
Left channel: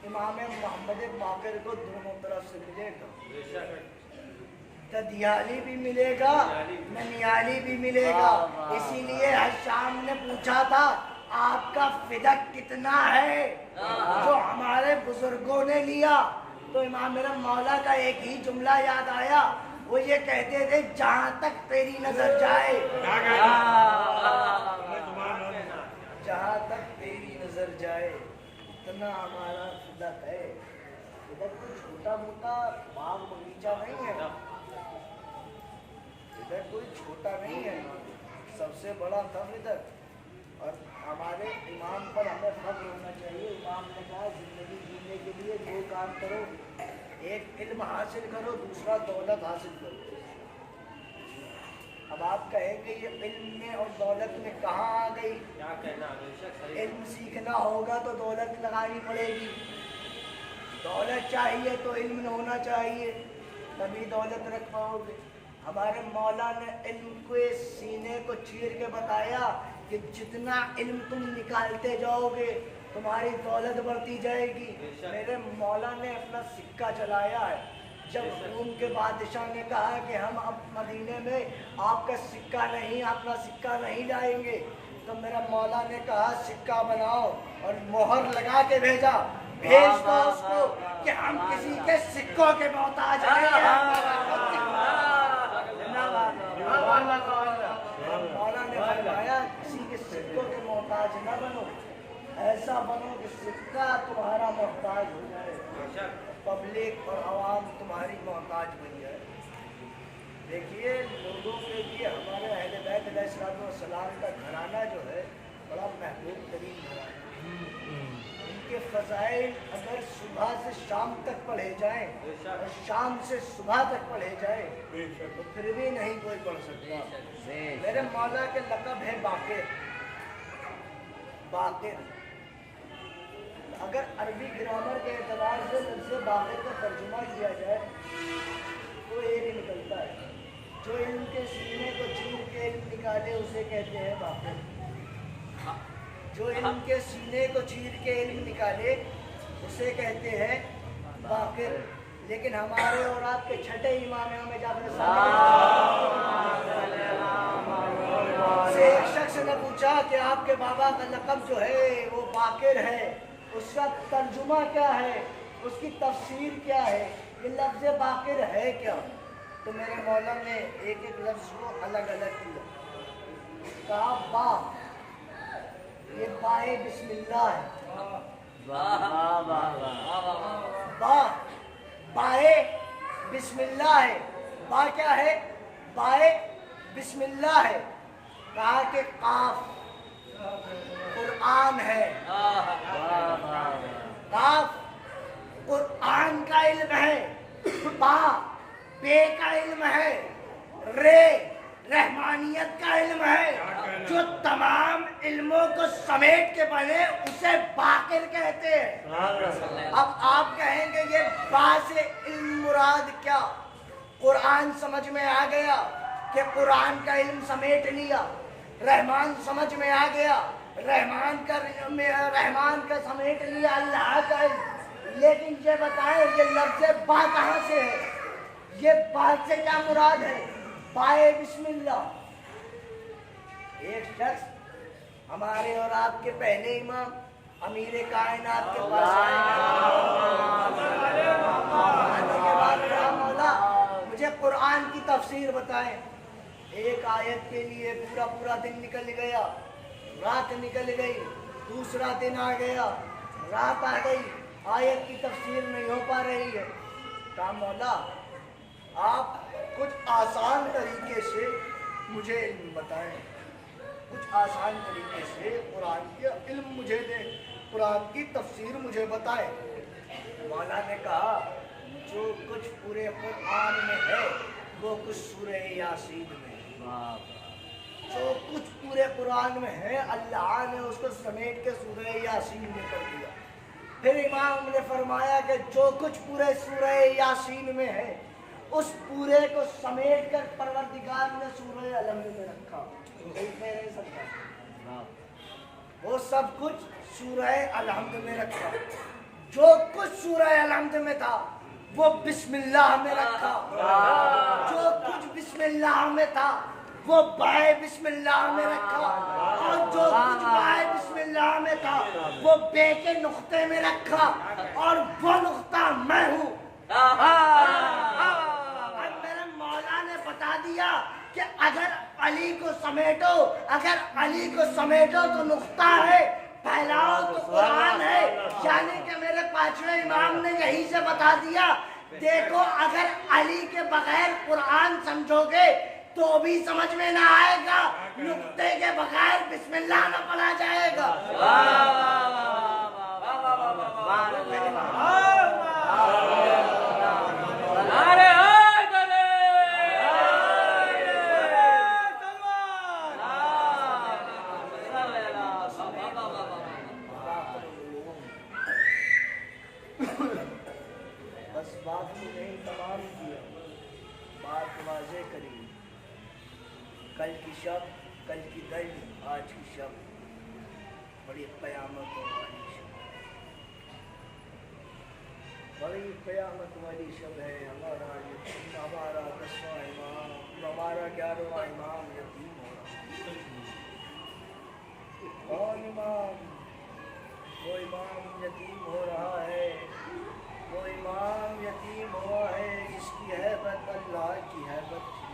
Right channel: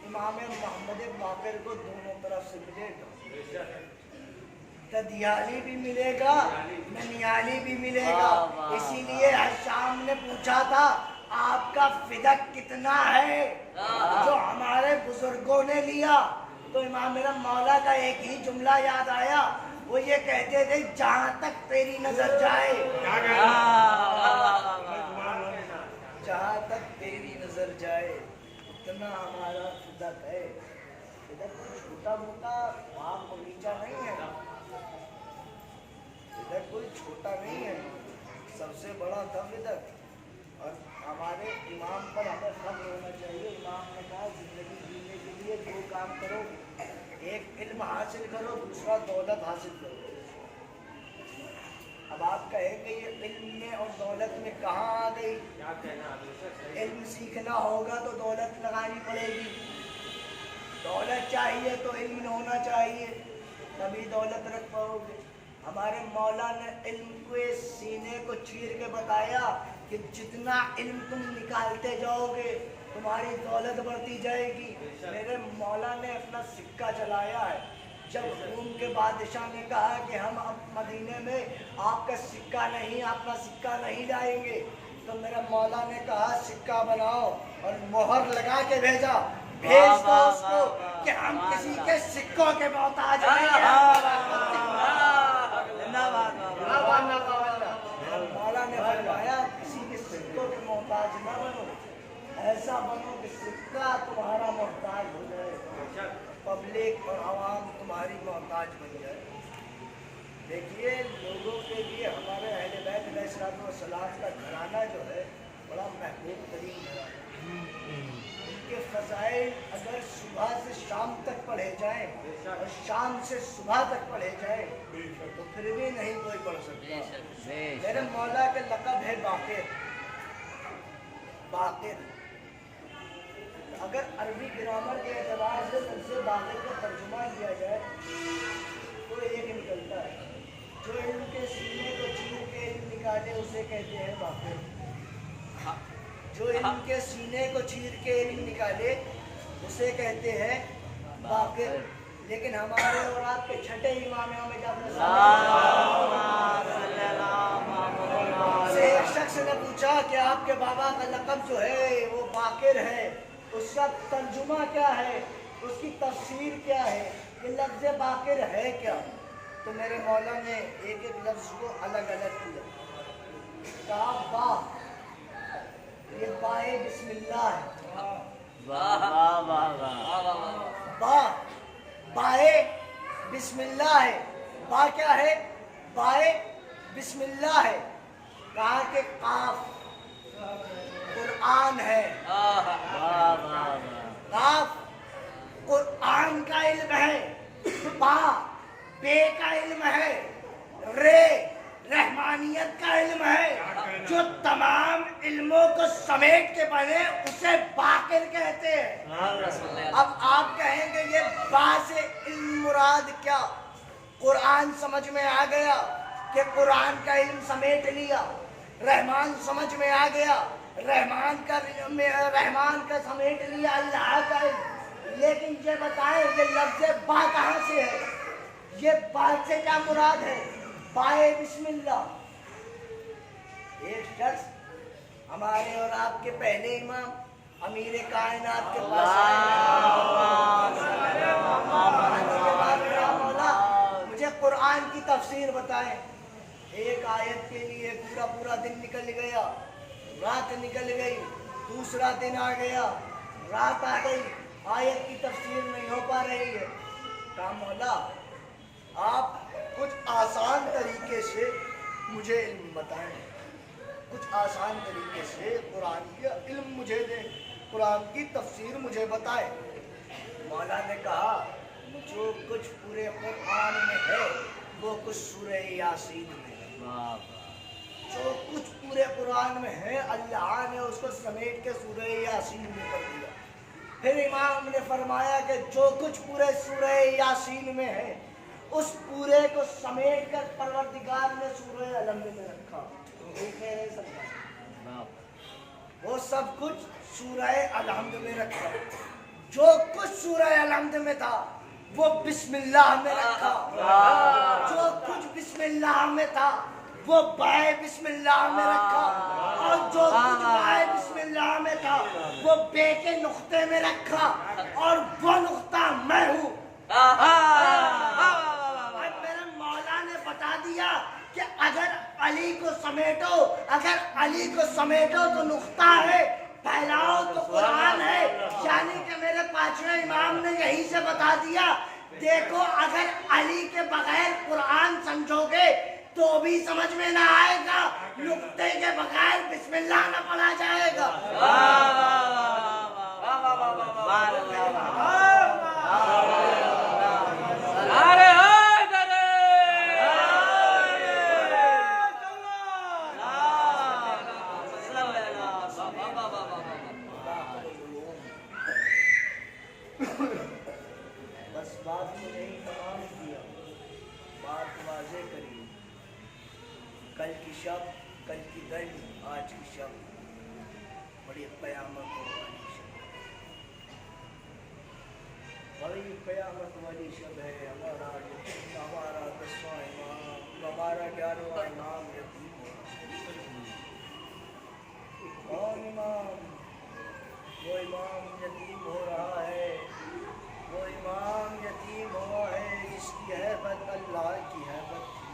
इमाम मोहम्मद बाक़िर को दोनों तरफ से मिलेगा, ददियाली भी मिलेगा, ननियाली भी मिलेगा। इसीलिए हशाम ने पूछा था आपका फिदक कितना है, जो हमारे बुजुर्गों ने लिया। तो इमाम मेरा मौला का एक ही जुमला याद आया, वो ये कहते थे जहाँ तक तेरी नजर जाए, जहाँ तक तेरी नजर जाए उतना हमारा फिदक है। फिदक कोई छोटा मोटा बाग बगीचा नहीं है, फिदक कोई छोटा नहीं है, सबसे बड़ा था फिदक। और हमारे इमाम पर हमें फख्र होना चाहिए। इमाम ने कहा जिंदगी जीने के लिए 2 काम करो, एक इल्म हासिल करो, दूसरा दौलत हासिल करो। अब आप कहेंगे ये इल्म में और दौलत में कहाँ आ गई? इल्म सीखना होगा तो दौलत लगानी पड़ेगी, दौलत चाहिए तो इल्म होना चाहिए, तभी दौलत रख पाओगे। हमारे मौला ने इल्म के सीने को चीर के बताया कि जितना इल्म तुम निकालते जाओगे तुम्हारी दौलत बढ़ती जाएगी। मेरे मौला ने अपना सिक्का चलाया है। जब रूम के बादशाह ने कहा कि हम अब मदीने में आपका सिक्का नहीं, अपना सिक्का नहीं लाएंगे, तो मेरा मौला ने कहा सिक्का बनाओ और मोहर लगा के भेजा, भेज दो उसको कि हम किसी के सिक्कों के मोहताज नहीं हैं। मौला ने फरमाया किसी के सिक्कों के मोहताज न बनो, ऐसा बनो कि सिक्का तुम्हारा मोहताज हो जाए, पब्लिक और आवाम तुम्हारी मोहताज बन जाए। देखिए लोगों के लिए हमारे अहले बैत अलैहिस्सलाम का घराना जो है बड़ा महबूब तरीन घराना। इनके फजाइल अगर सुबह से शाम तक पढ़े जाएं और शाम से सुबह तक पढ़े जाएं तो फिर भी नहीं कोई पढ़ सकता। मेरे मौला के लक़ब है बाक़िर। बाक़िर अगर अरबी ग्रामर के एतबार से लफ्ज़ बाक़िर का तर्जुमा किया जाए तो एक निकलता है, जो इल्म के सीने को चीर के इल्म निकाले उसे कहते हैं बाक़िर। जो इल्म के सीने को चीर के इल्म निकाले उसे कहते हैं बाक़िर। लेकिन हमारे और आपके छठे इमाम में जाफर से एक शख्स ने पूछा कि आपके बाबा का लक़ब जो है वो बाक़िर है, उसका तर्जुमा क्या है, उसकी तफसीर क्या है, ये लफ्ज़ बाक़िर है क्या? तो मेरे मौला ने एक एक लफ्ज़ को अलग अलग किया। कहा बा, ये बाए बिस्मिल्लाह है। बा बाए बिस्मिल्लाह है। बा क्या है? बाए बिस्मिल्लाह है। कहा कि काफ कुरान है। काफ कुरान का इल्म है। बा बे का इल्म है। रे रहमानियत का इल्म है। जो तमाम इल्मों को समेट के बने उसे बाक़िर कहते हैं। अब आप कहेंगे ये बा से इल्म मुराद क्या? कुरान समझ में आ गया कि कुरान का इल्म समेट लिया। रहमान समझ में आ गया, रहमान का समेट लिया अल्लाह का इल्म। लेकिन ये बताएं ये लफ्ज़ बा कहाँ से है? ये बा से क्या मुराद है? बाए बिस्मिल्लाह। एक शख्स हमारे और आपके पहले इमाम अमीर कायनात के पास आए। आने के बाद कहा मौला मुझे कुरान की तफसीर बताएं। एक आयत के लिए पूरा दिन निकल गया, रात निकल गई, दूसरा दिन आ गया, रात आ गई, आयत की तफसीर नहीं हो पा रही है। कहा मौला आप कुछ आसान तरीके से मुझे इल्म बताएं, कुछ आसान तरीके से कुरान का इल्म मुझे दे, कुरान की तफसीर मुझे बताएं। मौला ने कहा जो कुछ पूरे कुरान में है वो कुछ सूरह यासीन में है। जो कुछ पूरे कुरान में है अल्लाह ने उसको समेट के सूरह यासीन में कर दिया। फिर इमाम ने फरमाया कि जो कुछ पूरे सूरह यासीन में है उस पूरे को समेट कर परवरदिगार ने सूरह अलहम्द में रखा। नहीं सकता वो सब कुछ सूरह अलहम्द में रखा। जो कुछ सूरह अलहम्द में था वो बिस्मिल्लाह में रखा। जो कुछ बिस्मिल्लाह में था वो बाए बिस्मिल्लाह में रखा। और जो कुछ बाए बिस्मिल्लाह में था वो बे के नुक्ते में रखा। और वो नुक्ता मैं हूँ। अब मेरे मौला ने बता दिया कि अगर अली को समेटो, अगर अली को समेटो तो नुक्ता है, फैलाओ तो कुरान है। यानी कि मेरे पांचवें इमाम ने यही से बता दिया देखो अगर अली के बगैर कुरान समझोगे तो भी समझ में ना आएगा, नुक्ते के बगैर बिस्मिल्लाह ना पढ़ा जाएगा। बस बात को नहीं तमाम किया, बात वाज़े करी। कल की शब, कल की दल, आज की शब, बड़ी क़यामत वाली शब, बड़ी क़यामत वाली शब है। हमारा 10वां इमाम, हमारा 11वां इमाम यतीम हो रहा है। कौन इमाम? वो इमाम यतीम हो रहा है। वो इमाम यतीम हुआ है जिसकी हैबत अल्लाह की हैबत थी।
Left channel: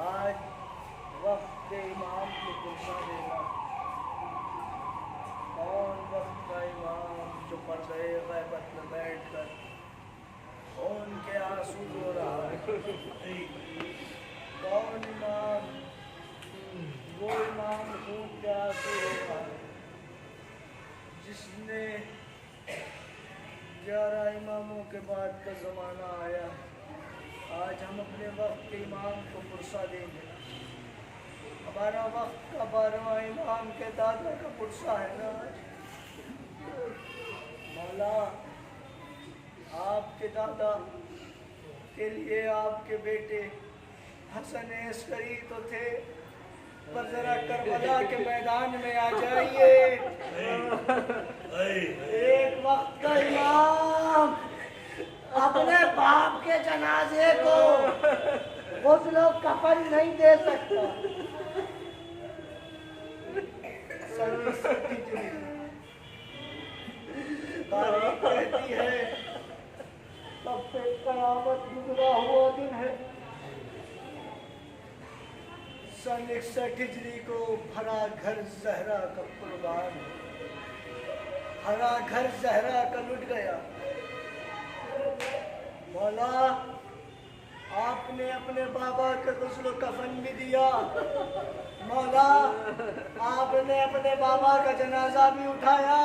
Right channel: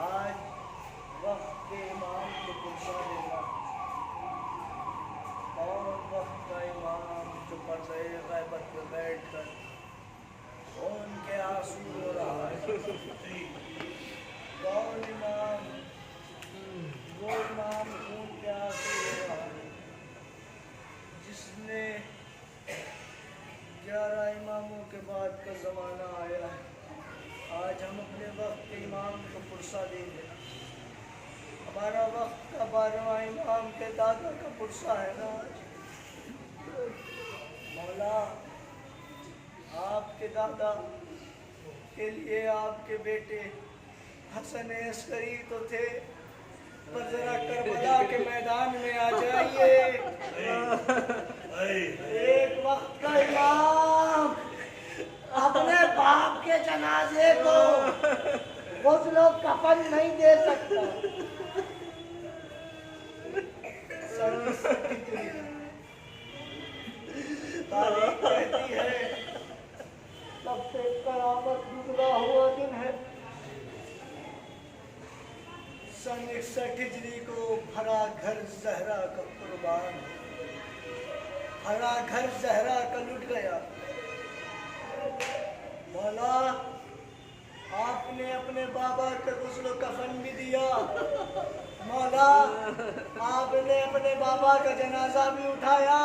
आज वक्त के इमाम को पुरसा देगा। कौन वक्त का इमाम जो पर्दे गैबत में बैठ कर खून के आंसू रो रहा है? कौन इमाम? वो इमाम खून के आंसू रो रहा है जिसने 11 इमामों के बाद का ज़माना आया है। आज हम अपने वक्त के इमाम को पुरसा देंगे। हमारा वक्त का 12वां इमाम के दादा का पुरसा है ना आज। मौला, आपके दादा के लिए आपके बेटे हसन अस्करी तो थे, पर जरा करबला के मैदान में आ जाइए। एक वक्त का इमाम अपने बाप के जनाजे को गुस्ल व कफन नहीं दे सकता। तारीख कहती है सबसे कयामत गुजरा हुआ दिन है। सन 61 हिजरी को भरा घर जहरा का कुर्बान हो, भरा घर जहरा का लुट गया। मौला, आपने अपने बाबा का गुस्ल कफन भी दिया। मौला, आपने अपने बाबा का जनाजा भी उठाया।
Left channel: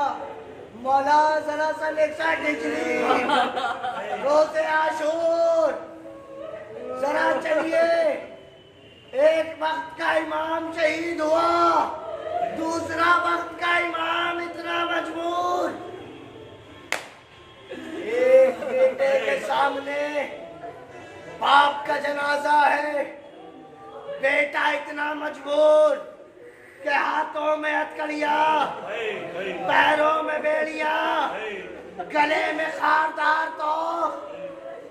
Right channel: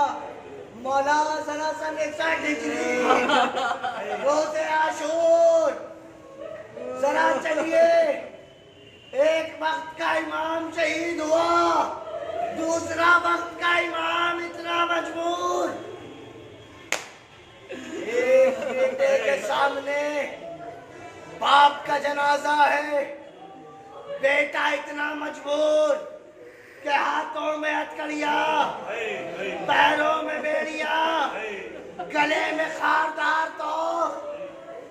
मौला, जरा सन 61 हिजरी रोज़े आशूर जरा चलिए। एक वक्त का इमाम शहीद हुआ, दूसरा वक्त का इमाम इतना मजबूर। एक बेटे के सामने बाप का जनाजा है, बेटा इतना मजबूर कि हाथों में हथकड़िया, पैरों में बेड़िया, गले में खारदार तो,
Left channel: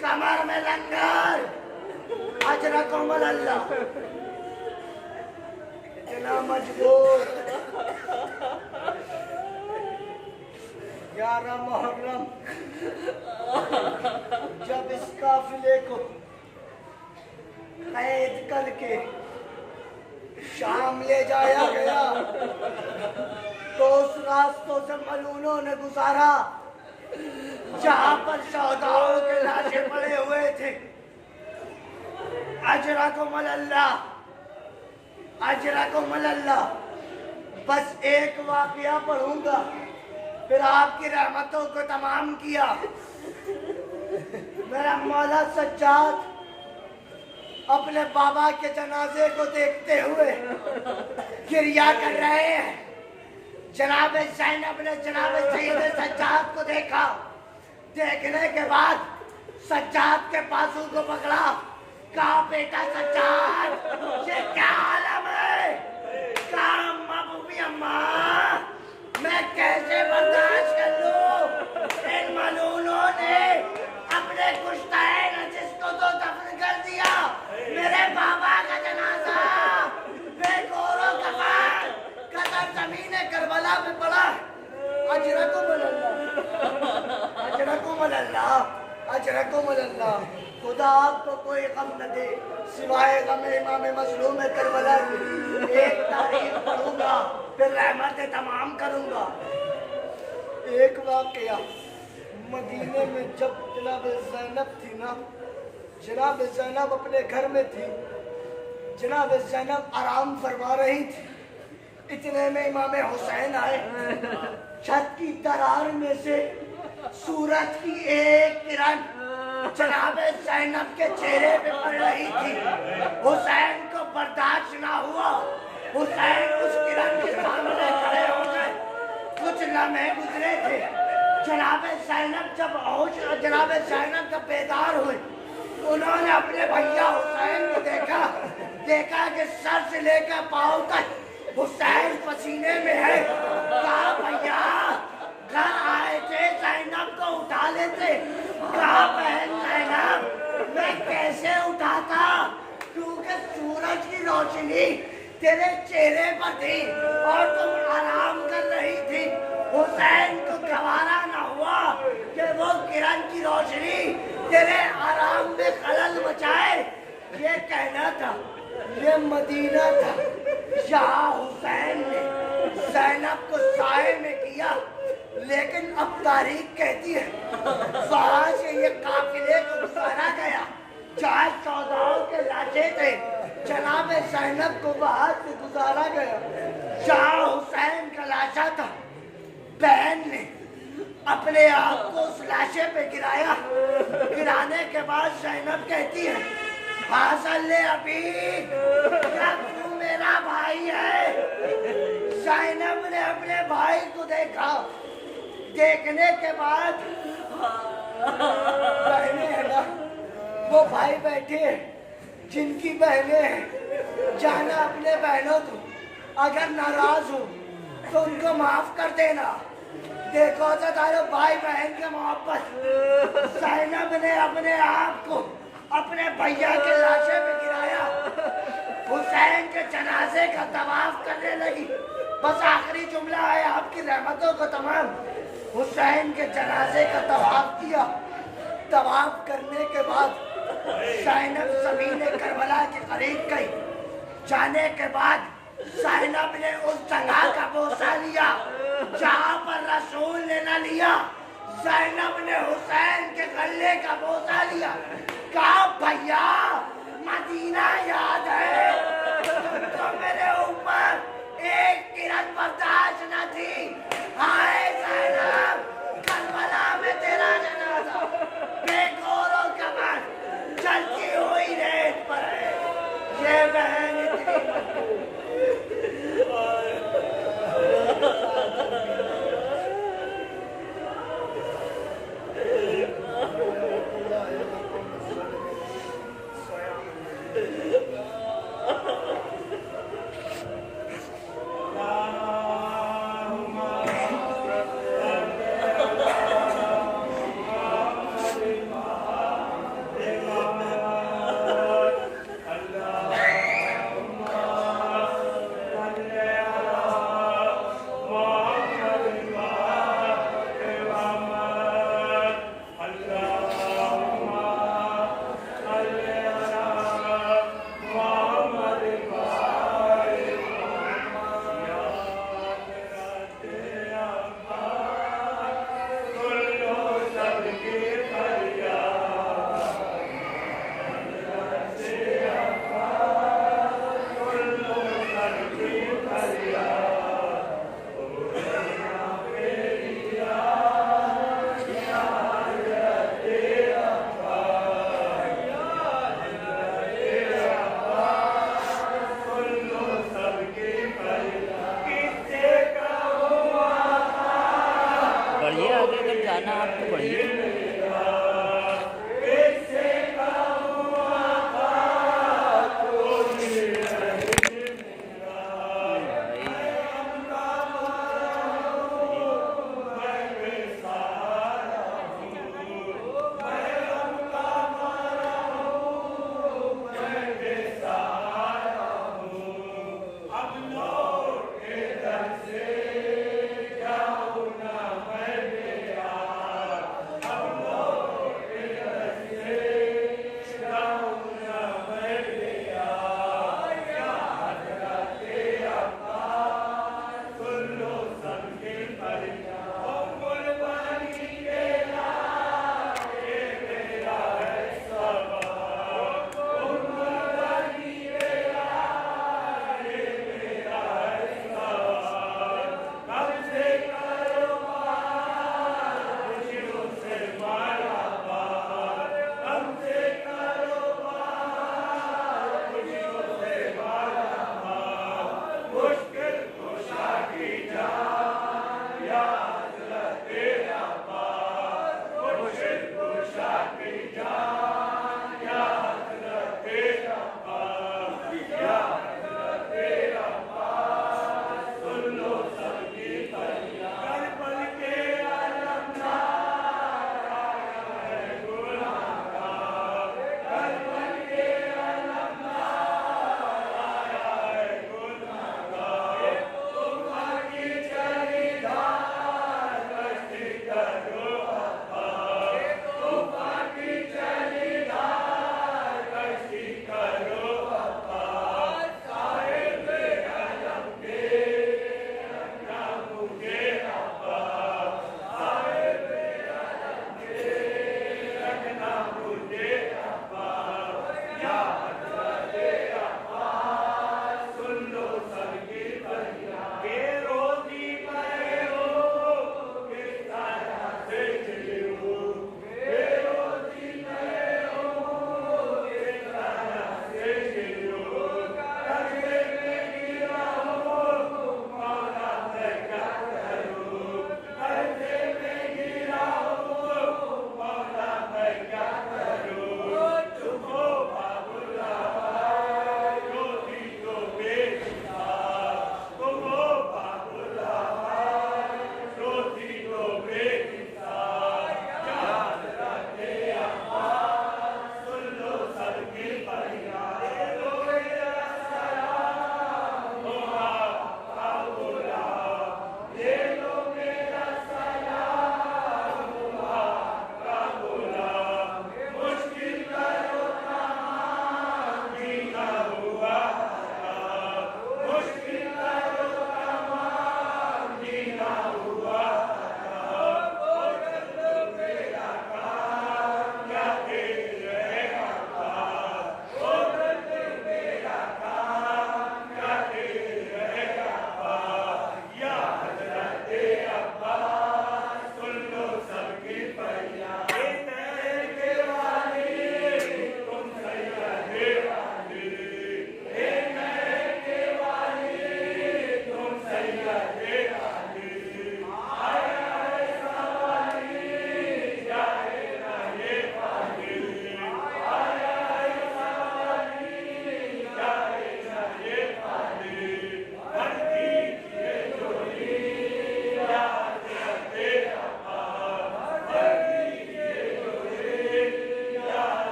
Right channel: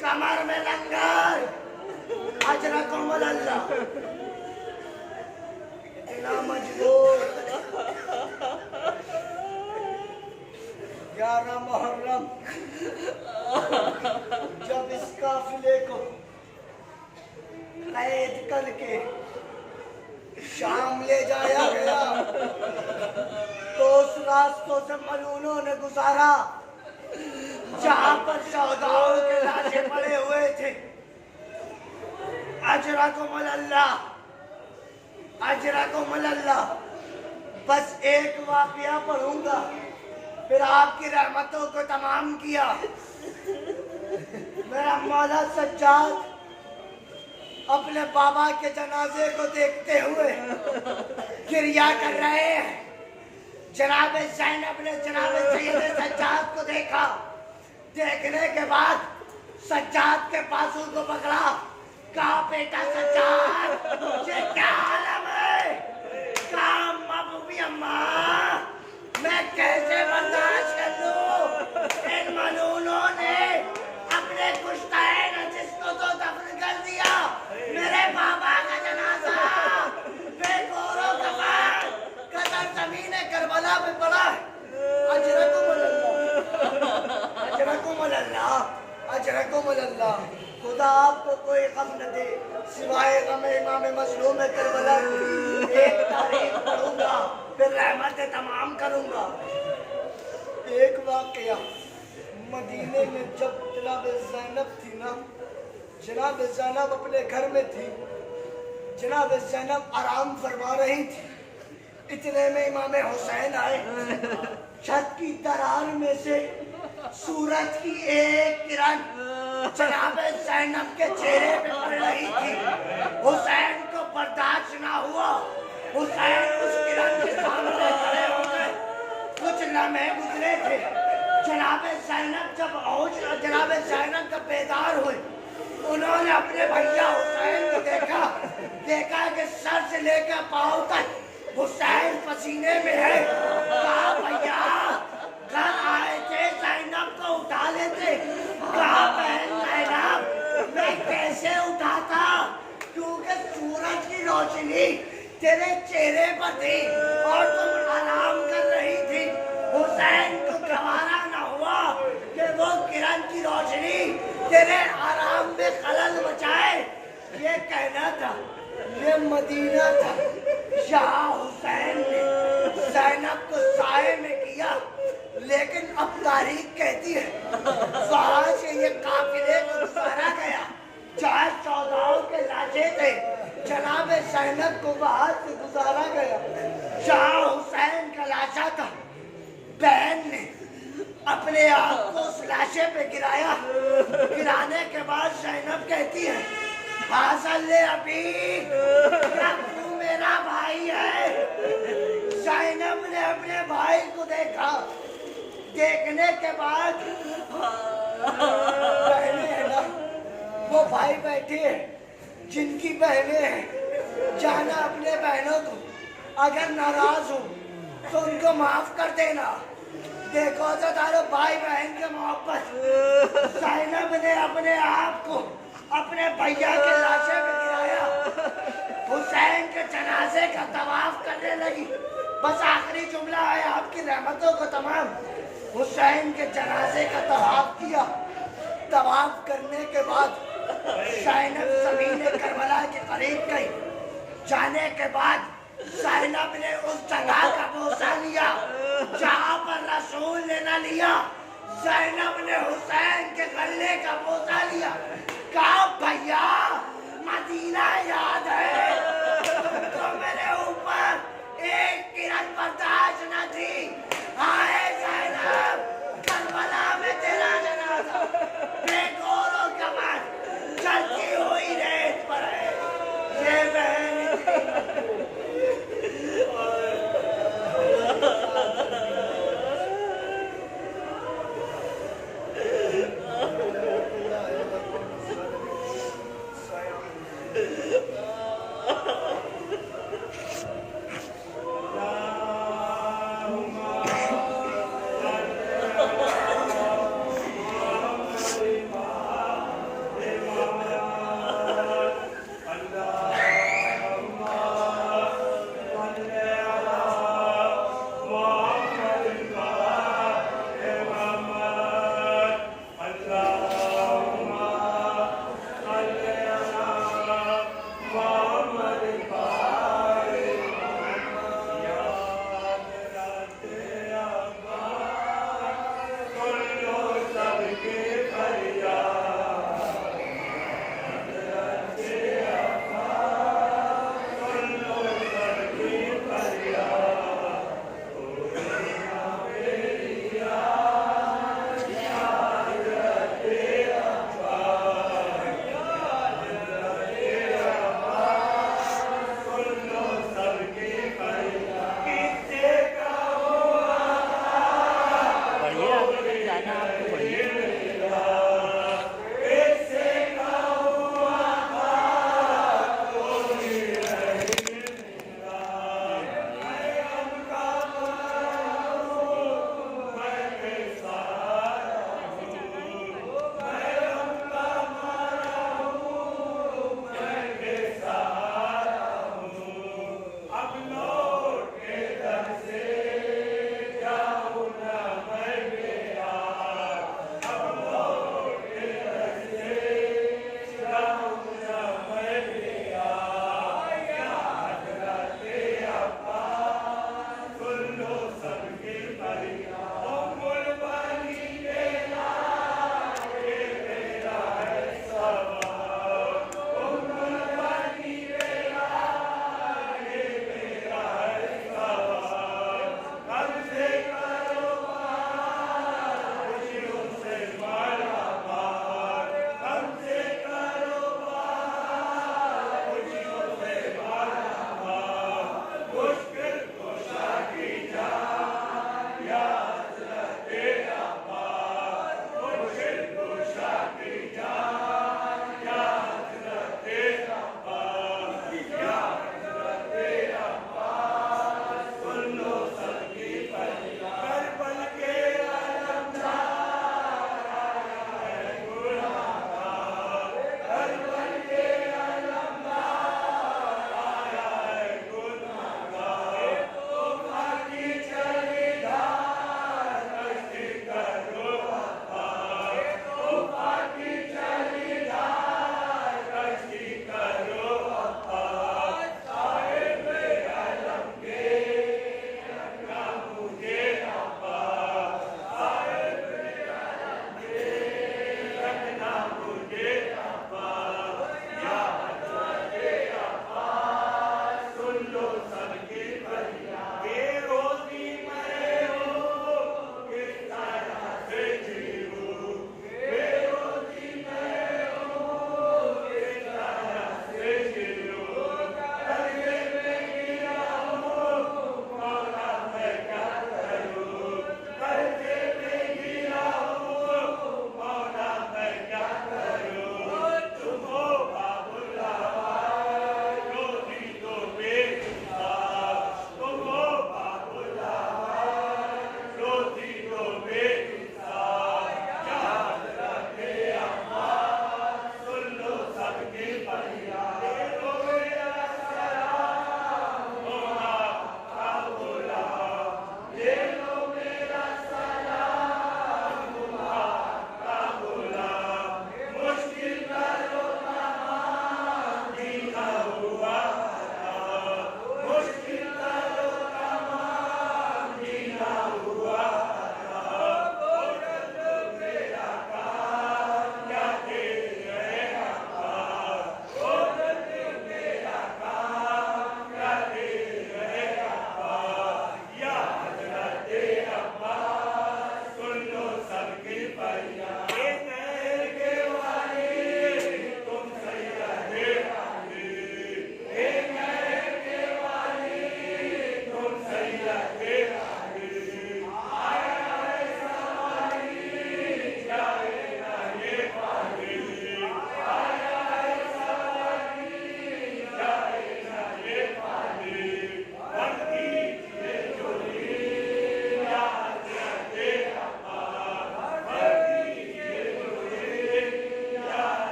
कमर में लंगर, अजरकुम अल्लाह, इतना मजबूर। 11 मुहर्रम जब इस काफिले को कैद करके शाम ले जाया गया तो उस रास्तों से मलूनों ने गुजारा जहां पर शहदाओं के लाशें पड़े हुए थे। अजरकुम अल्लाह, अजरकुम अल्लाह। बस एक वाकया पढ़ूंगा, फिर आपकी रहमतों को तमाम किया। मेरा मौला सज्जाद अपने बाबा के जनाजे को देखते हुए गिरिया कर रहे हैं। जनाब ज़ैनब ने जनाब सैयद सज्जाद को देखा। देखने के बाद सज्जाद के बाजू को पकड़ा, कहा बेटा सज्जाद ये क्या आलम है? कहा महबूबी अम्मा मैं कैसे बर्दाश्त कर लूं? इन मलूनों ने अपने कुश्तैन जिसको तो दफन कर दिया। मेरे बाबा का जनाजा बेगौरो कफन कतर ज़मीन करबला में पड़ा है। अजरकुम अल्लाह, अजरकुम अल्लाह, अजरकुम अल्लाह। खुदा आपको कोई गम न दे सिवाय गम इमाम मज़लूम करबला की। एक तारीख पढ़ूंगा, फिर रहमत तमाम करूंगा। एक वाकया मदीने में जब जनाब ज़ैनब थी ना, जनाब ज़ैनब अपने घर में थी, जनाब ज़ैनब आराम फरमा रही थी। इतने में इमाम हुसैन आए। छत की दरार में से सूरज की एक किरण जनाब ज़ैनब के चेहरे पे पड़ रही थी। हुसैन को बर्दाश्त ना हुआ, हुसैन उस किरण के सामने खड़े हो गए। कुछ लम्हे गुजरे थे। जनाब ज़ैनब जब जनाब ज़ैनब जब बेदार हुए, उन्होंने अपने भैया हुसैन को देखा। देखा कि सर से लेकर पांव तक हुसैन पसीने में है। कहा भैया घर आए थे, ज़ैनब को उठा लेते। कहा बहन ज़ैनब मैं कैसे उठाता, क्योंकि सूरज की रोशनी तेरे चेहरे पर थी और तुम आराम कर रही थी। हुसैन को गवारा न हुआ कि वो किरण की रोशनी तेरे आराम में खलल मचाए। ये कहना था, ये मदीना था। यहाँ हुसैन ने ज़ैनब को साए में किया, लेकिन अब तारीख कहती है वहाँ से ये काफिले को गुजारा गया जहाँ 14 के लाशें थे। जनाब ज़ैनब को वहाँ से गुजारा गया जहाँ हुसैन का लाशा था। बहन ने अपने आप को उस लाशे पे गिराया। गिराने के बाद ज़ैनब कहती है, हाज़ल ले अभी, क्या तू मेरा भाई है? ज़ैनब ने अपने भाई को देखा। देखने के बाद बहनें है ना, वो भाई बैठे हैं जिनकी बहनें हैं। जाना अपने बहनों को, अगर नाराज हो तो उनको माफ कर देना। देखो तो तारो भाई बहन के मोहब्बत। ज़ैनब ने अपने आप को अपने भैया के लाशे पे गिराया। हुसैन के जनाजे का तवाफ करने लगी। बस आखिरी जुमला है आपकी रहमतों को तमाम। हुसैन के जनाजे का तवाफ किया। तवाफ करने के बाद ज़ैनब ज़मीन करबला के करीब गई। जाने के बाद ज़ैनब ने उस जगह का बोसा लिया जहाँ पर रसूल ने न लिया। ज़ैनब ने हुसैन के गले का बोसा लिया। कहा, भैया मदीना याद है तुमको? मेरे ऊपर एक किरण बर्दाश्त न थी। हाय ज़ैनब, करबला में तेरा जनाजा बेगौरों का मन चलती हुई रेत पर है। ये बहन इतनी मजबूत।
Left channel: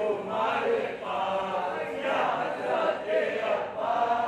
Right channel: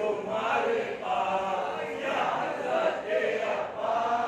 तुम्हारे पास या हज़रत अब्बास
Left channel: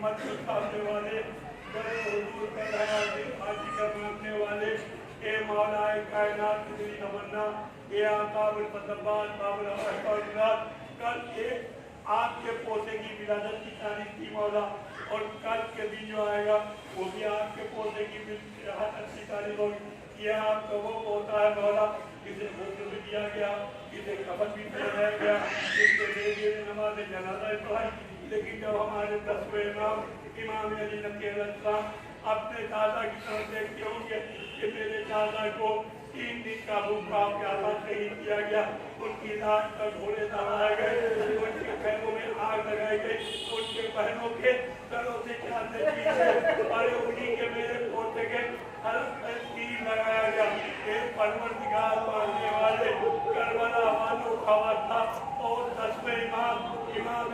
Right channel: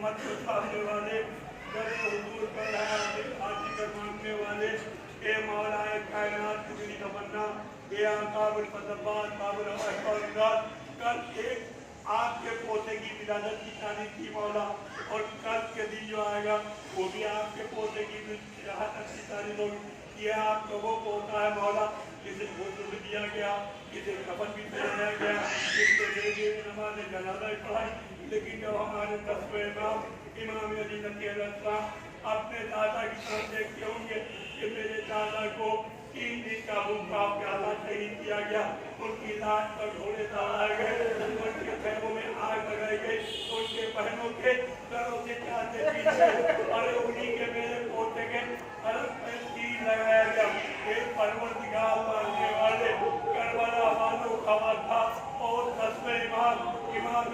उम्मत को थामने वाले, बड़े हुजूर पर आदि का मानने वाले, ए मौला कायनात की तेरी तमन्ना, ए काबिल फजलबाज काबिल अहमद, कल एक आपके पोते की विलादत की तारीफ थी मौला, और कल के दिन जो आएगा वो भी आपके पोते की विलादत की तारीफ होगी। ये आपका वो पोता है मौला, इसे गुस्ल भी दिया गया, इसे कफन भी पहनाया गया, इसके लिए नमाज जनाजा पढ़ाई, लेकिन जब हमारे 10वें इमाम अली नकीम अपने दादा की तरफ देखते होंगे कि मेरे दादा को 3 दिन का भूखा प्याला शहीद किया गया, उनकी लाश पर घोड़े चलाए गए, उनके पैरों में आग लगाई गई, उनके बहनों के घरों से चांदे पीछे और उन्हीं के मेरे पोते के तीर लगाया गया। एक परवरदिगार मानने वाले करबला वालों का आवाज था, और 10वें इमाम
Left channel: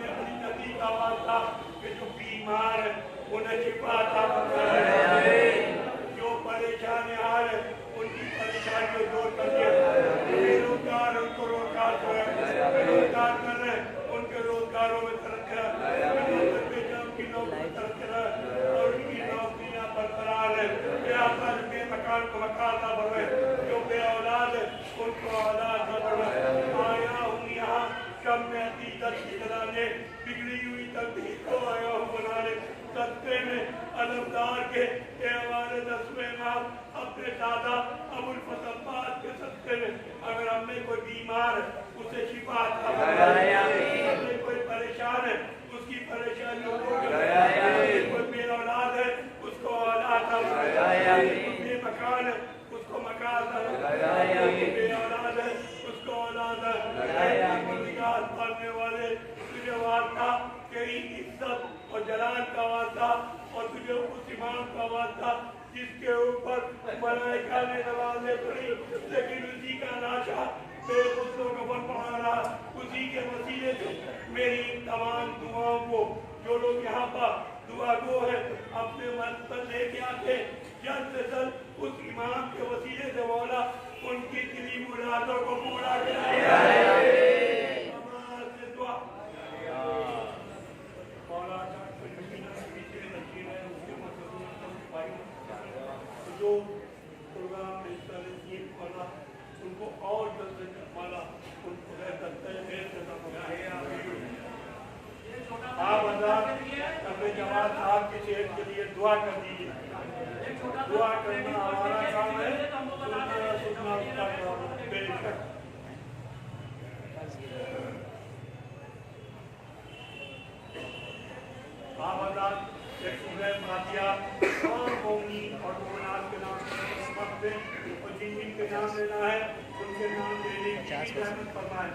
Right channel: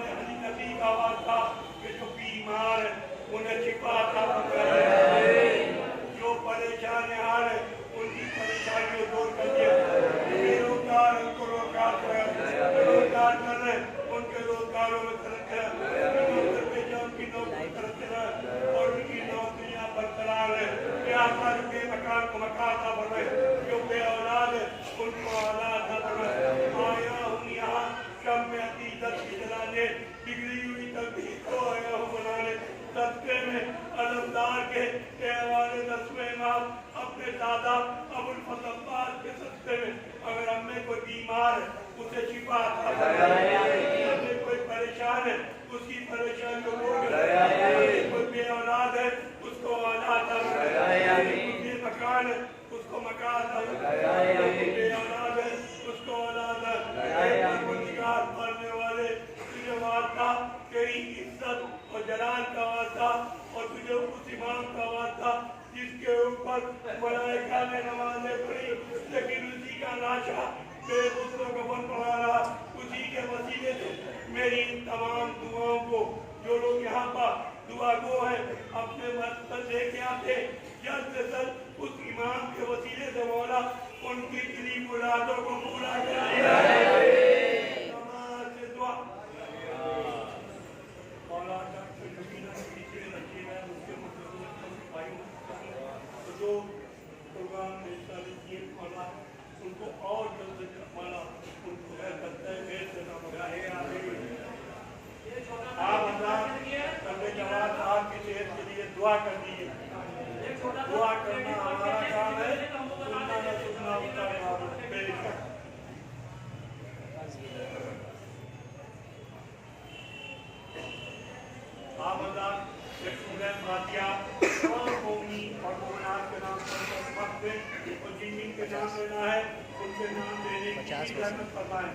अली नबी का आवाज था कि जो बीमार उन्हें छिपा था, जो परेशान हाल उनकी परेशानियों दूर कर दिया, जो बेरोजगार उनको रोजगार रोजगार कर रहे उनके रोजगारों में तरक्की की नौकरी तरक्की और उनकी नौकरियां बरकरार है, उनके मकान को मकान ना बढ़े, जो बे औलाद है उनको औलाद न बढ़े। आया हूँ यहाँ कम में अकीदत की जलाने, बिगड़ी हुई तकदीर को आया हूँ बनाने, सस्ते में अलमदार के त्यौहार 10वें इमाम अपने दादा अबुल फजल अब्बास के सस्ते में, अगर हमें कोई बीमार है उसे शिफा अता फरमाए, हमें कोई परेशान है उसकी परेशानियों को दूर करे, कोई बे औलाद है उसको औलाद अता फरमाए, कोई मकान है उसको मकान अता फरमाए, कोई बे औलाद है उसको औलाद अता फरमाए। निगाह करने वाले तुझे वास्ता तेरी इज्जत और जलाल का वास्ता, और तुझे उस इमाम का वास्ता जिसके ऊपर मलाइका ने नमाज़ें पढ़ी, लेकिन उसी का लाशा मेरे दोस्तों को बन पड़ा रहा, उसी के वसीले से मेरी तमाम दुआओं को जो लोग यहाँ पर दुआ गो है अपने मकसद लेके आते, जल्द से जल्द उस इमाम के वसीले से मौला उनकी दिली मुरादों को पूरा कर जो प्रोग्राम उनको और जल्द हमारा उनको आप जमात आपकी सेहत के लिए दुआ कर दीजिए, दुआ करना हमारा काम है, जिनके नाम लेना है उनके नाम लेने की फरमाएं।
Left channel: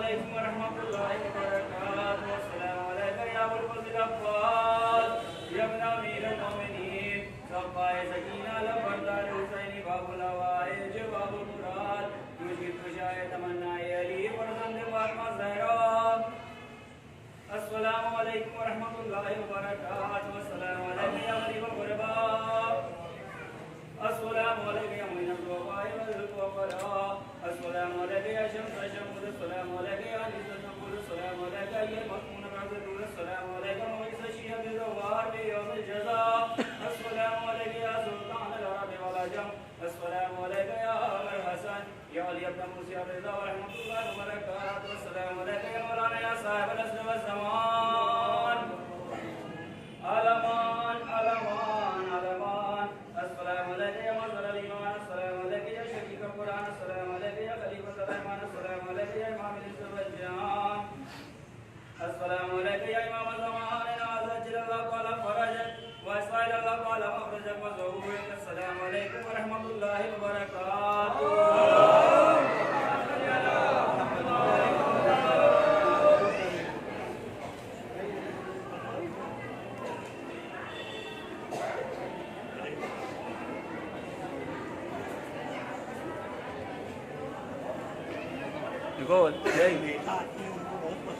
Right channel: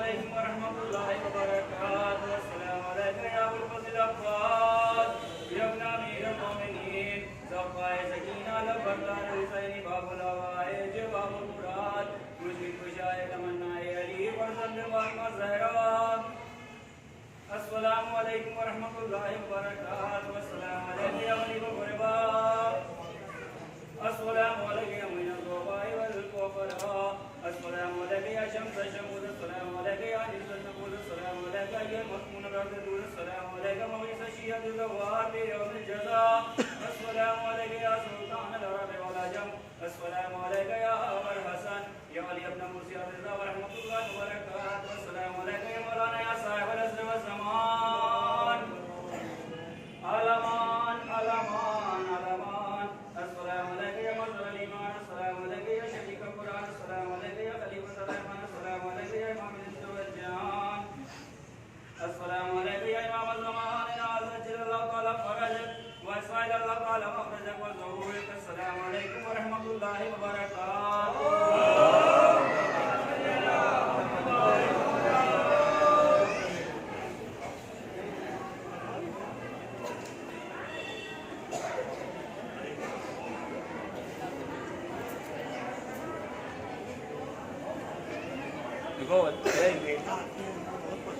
अलैकुम व रहमतुल्लाहि व बरकातुहू। अस्सलामु अलैका या अबुल फज़ल अब्बास या इब्न अमीरुल मोमिनीन ज़फ़ाए सकीना लबरदार हुसैनी बाबुल हवाइज बाबुल मुराद मुझे खुशाए तमन्नाए अली फरज़ंद फातिमा ज़हरा। अस्सलामु अलैकुम व रहमतुल्लाहि व बरकातुहू। अस्सलामु अलैका या गरीब गुरबा। अस्सलामु अलैका या मिनल ग़ुबाइ वल फ़ुक़रा। अस्सलामु अलैका या शम्स शमूद। अस्सलामु अलैका या निज़्मुल नबूद। अस्सलामु अलैका या मक़्मून रज़दूद। अस्सलामु अलैका मुइज़ शिहद ज़वार बि यौमिल जज़ा। अस्सलामु अलैका या सुल्तान अल अरब वल अजम। अस्सलामु अलैका या अबल हसन या अली इब्न मूसा रज़ा व रहमतुल्लाहि व बरकातुहू। अस्सलामु अलैका या मौलाना या साहिबल असर व ज़मान। अलमान अलमान अलमान। अस्सलामु अलैका या मज़हर ईमान। अस्सलामु अलैका या शकीक कुरान। अस्सलामु अलैका या खलीफत रहमान। अस्सलामु अलैका या इमाम इल्म व जान। अस्सलामु अलैका या इमाम ज़मान अज़्जलल्लाहु तआला फरजक व असअलल्लाहु तआला मखरजक व ज़हूरक। अस्सलामु अलैकुम व रहमतुल्लाहि व बरकातुहू।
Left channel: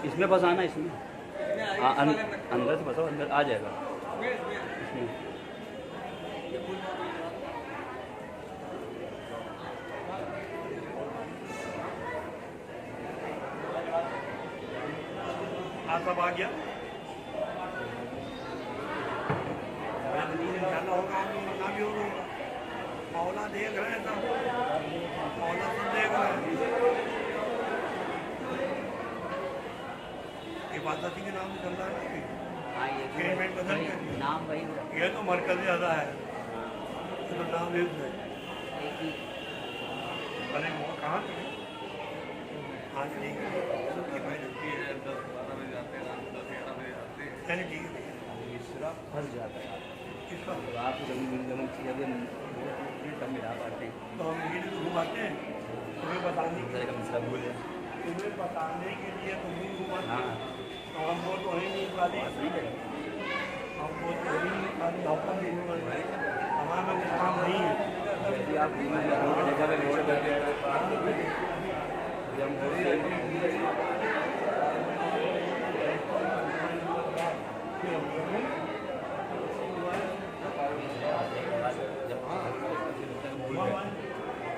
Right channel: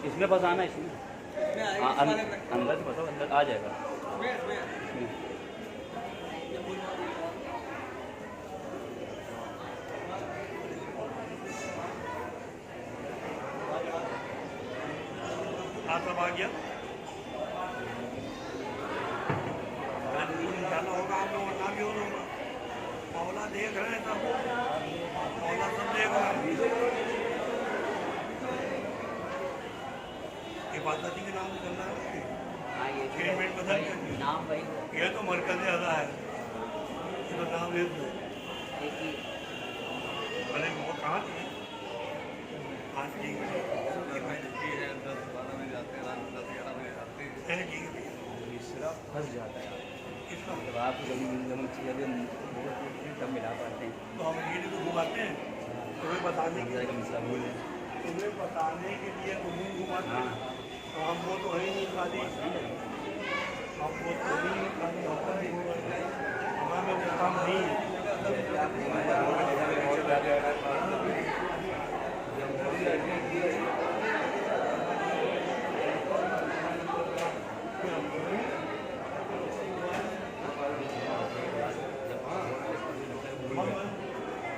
इसमें फंसाना इसमें अंदर से फंसो अंदर आ जाएगा। सब आ गया अरे बिल्कुल इंशाल्लाह होगा। आप लोग ना भी होगा। मौला देख रहे हैं सब। मौला सब देख रहे हैं। इबादती के नाम से चल रहा है ना। ट्रीटमेंट बदल गया नाम वही ये तो मरकज़ अदा है। ये तो नाम है अरे वो कहाँ थे। हाँ ठीक है। ठीक है भैया। फंस जाता है किसका तो आप कभी मिल चीज़ें तब मिला पाते हैं। तो हम ये तो घुमाते हैं तुम्हें बताने के लिए। भूल है तुम्हें बताने के लिए तो मुँह घुमाते हैं। हाँ तो हम वो तो है नहीं खाली। हम वो तो है नहीं खाली। हमारा काम नहीं है।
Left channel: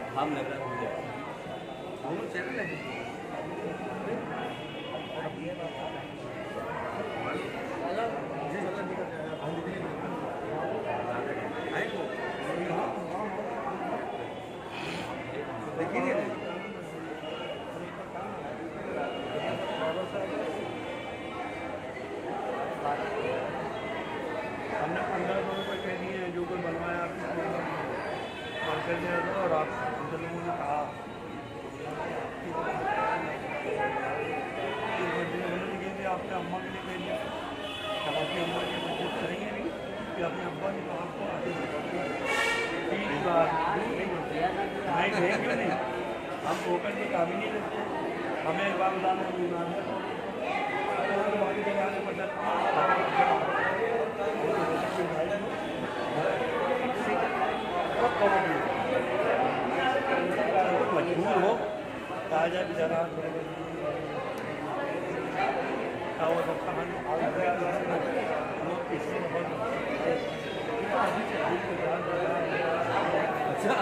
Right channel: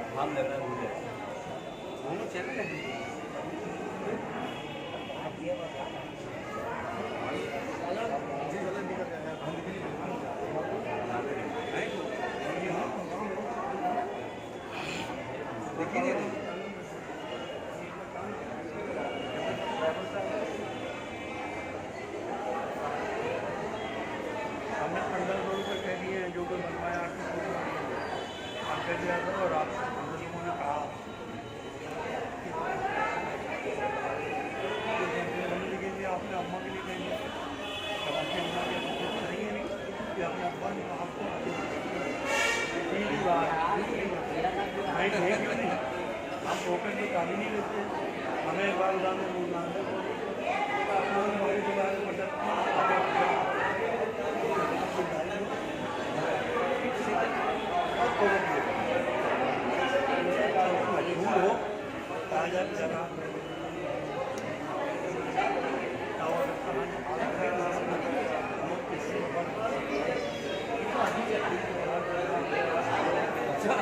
हम लग रहे जो कोई बनवाया आपने अम्मा के लिए कह दिया। अम्मा के बच्चे करेंगे नहीं कि आपने अम्मा ने कहा नहीं क्यों नहीं। हम टोकन की काबी नहीं रखते। हमें एक बार उदाहरण हमारी दुकान मजबूर हो कहा जाए जगह अच्छा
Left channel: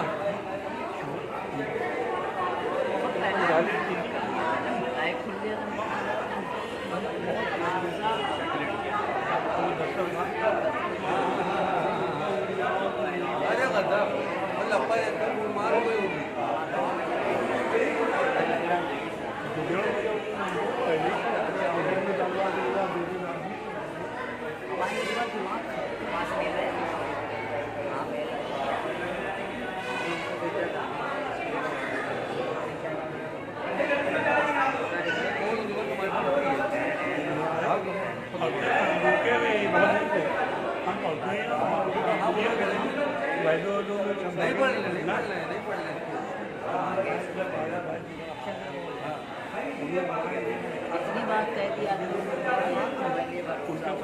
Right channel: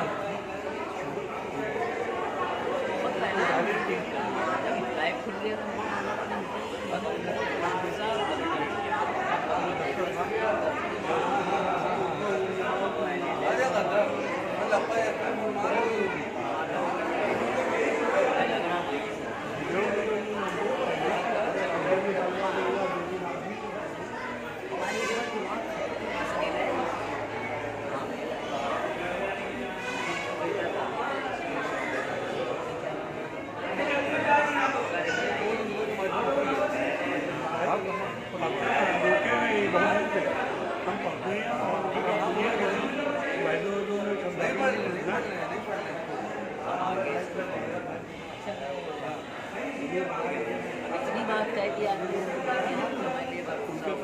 इतनी बात कह दी आदमी ने मैं ये बात पूछ रहा हूँ,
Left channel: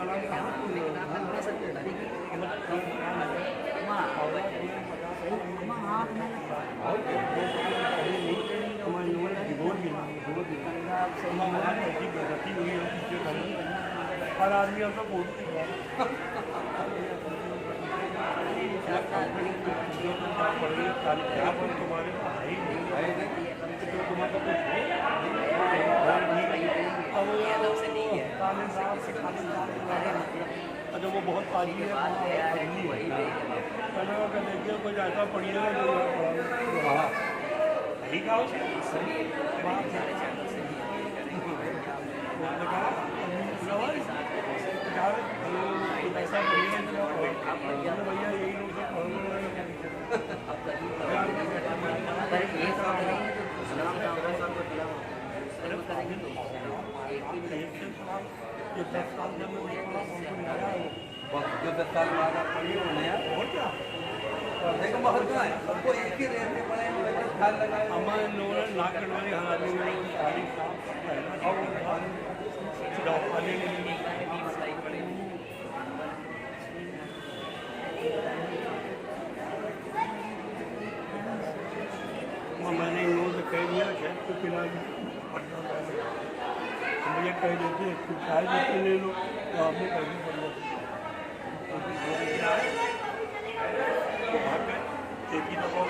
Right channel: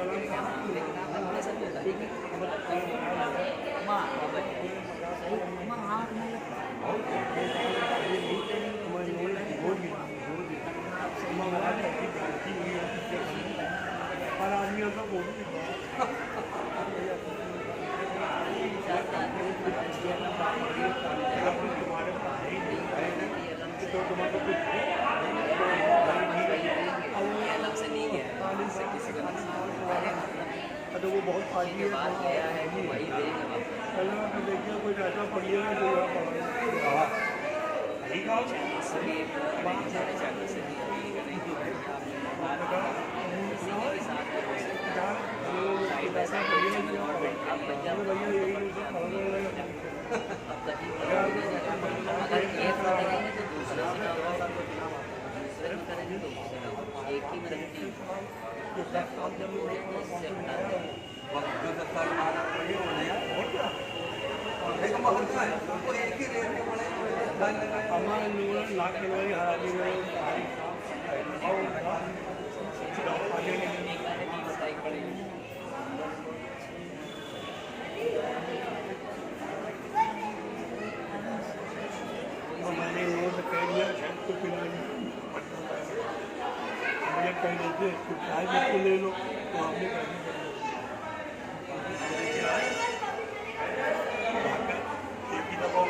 लेकिन आपने थोड़ा सा बताई कि रात को अम्मा सही अम्मा आप नहीं हर आदमी ऐसा बोलते हैं तुम्हारे पास ही नहीं तो तुम्हें तो कुछ से नहीं गया इससे किसी को नुकसान नहीं हुआ। तो वो बहुत पानी के बाद गया है तो वही देख देखिए कुछ ऐसा बढ़िया चैनल से भी करेंगे, सारे चैनल से भी अपील करेंगे कि आप के साथ हो सकता है साइड बाय साइड एक चैनल और बैठ आप बन जाओ आप कभी अगर एक में करेंगे तो दूसरे से ना हो, दूसरे में करेंगे तो उससे ना हो, एक ही में रखेंगे लैपटॉप में हो जाएंगे इससे हटा देंगे। मुझे कह देते ले लो तो आपने एक ही दफा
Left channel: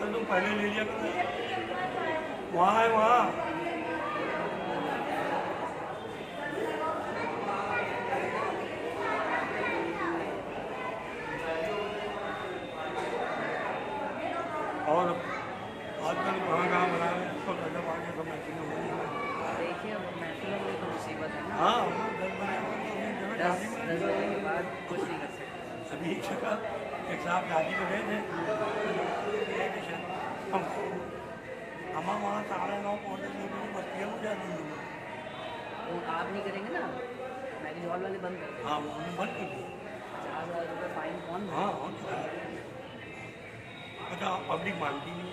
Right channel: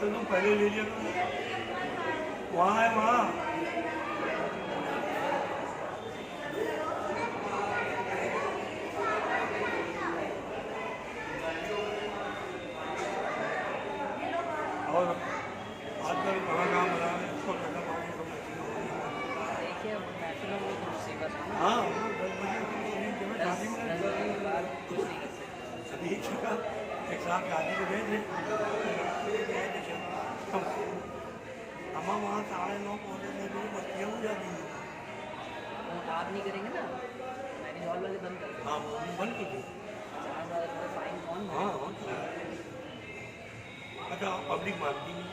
तो पहले ले लिया वहाँ है वहाँ और देखिए अब मेट्रो में तो मुसीबत है ना, हाँ 10 बजे के बाद कुछ नहीं कर सकते। अभी एक साहब शादी को गए थे हम वहाँ 9:30 पहुँचे थे बच्चे हो जाती है तो आप नहीं करेंगे ना, मैरिज हॉल वाले बंद कर देंगे। हाँ बन की थी 50,000 रुपये फाइन कौन हाँ भरेगा? अच्छा पब्लिक मानती नहीं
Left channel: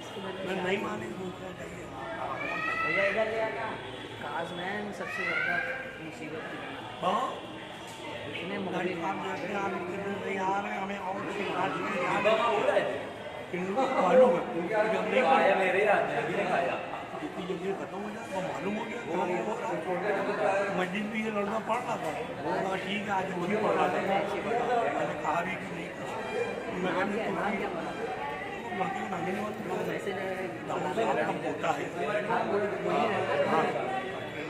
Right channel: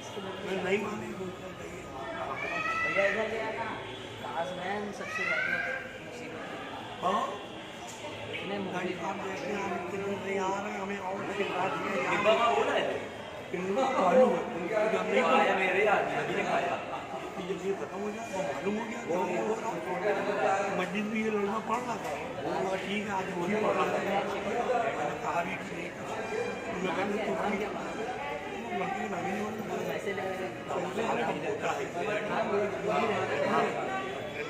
इसके लिए मैं नहीं माने बोलना चाहिए भैया इधर ले आता काजमैन सबसे ज़्यादा मुसीबत है। हाँ इतने मुगली आप देखते हैं हम कितने नहीं आ रहे हैं हमें और शिकायत मेरे याद में अभी नहीं आया ये खत्म हो गया मालूम हो गया मस्जिद भी ये लड़ना पड़ रहा था ठीक है आज अच्छी पढ़ा कहा भी कि नहीं वैसे होता है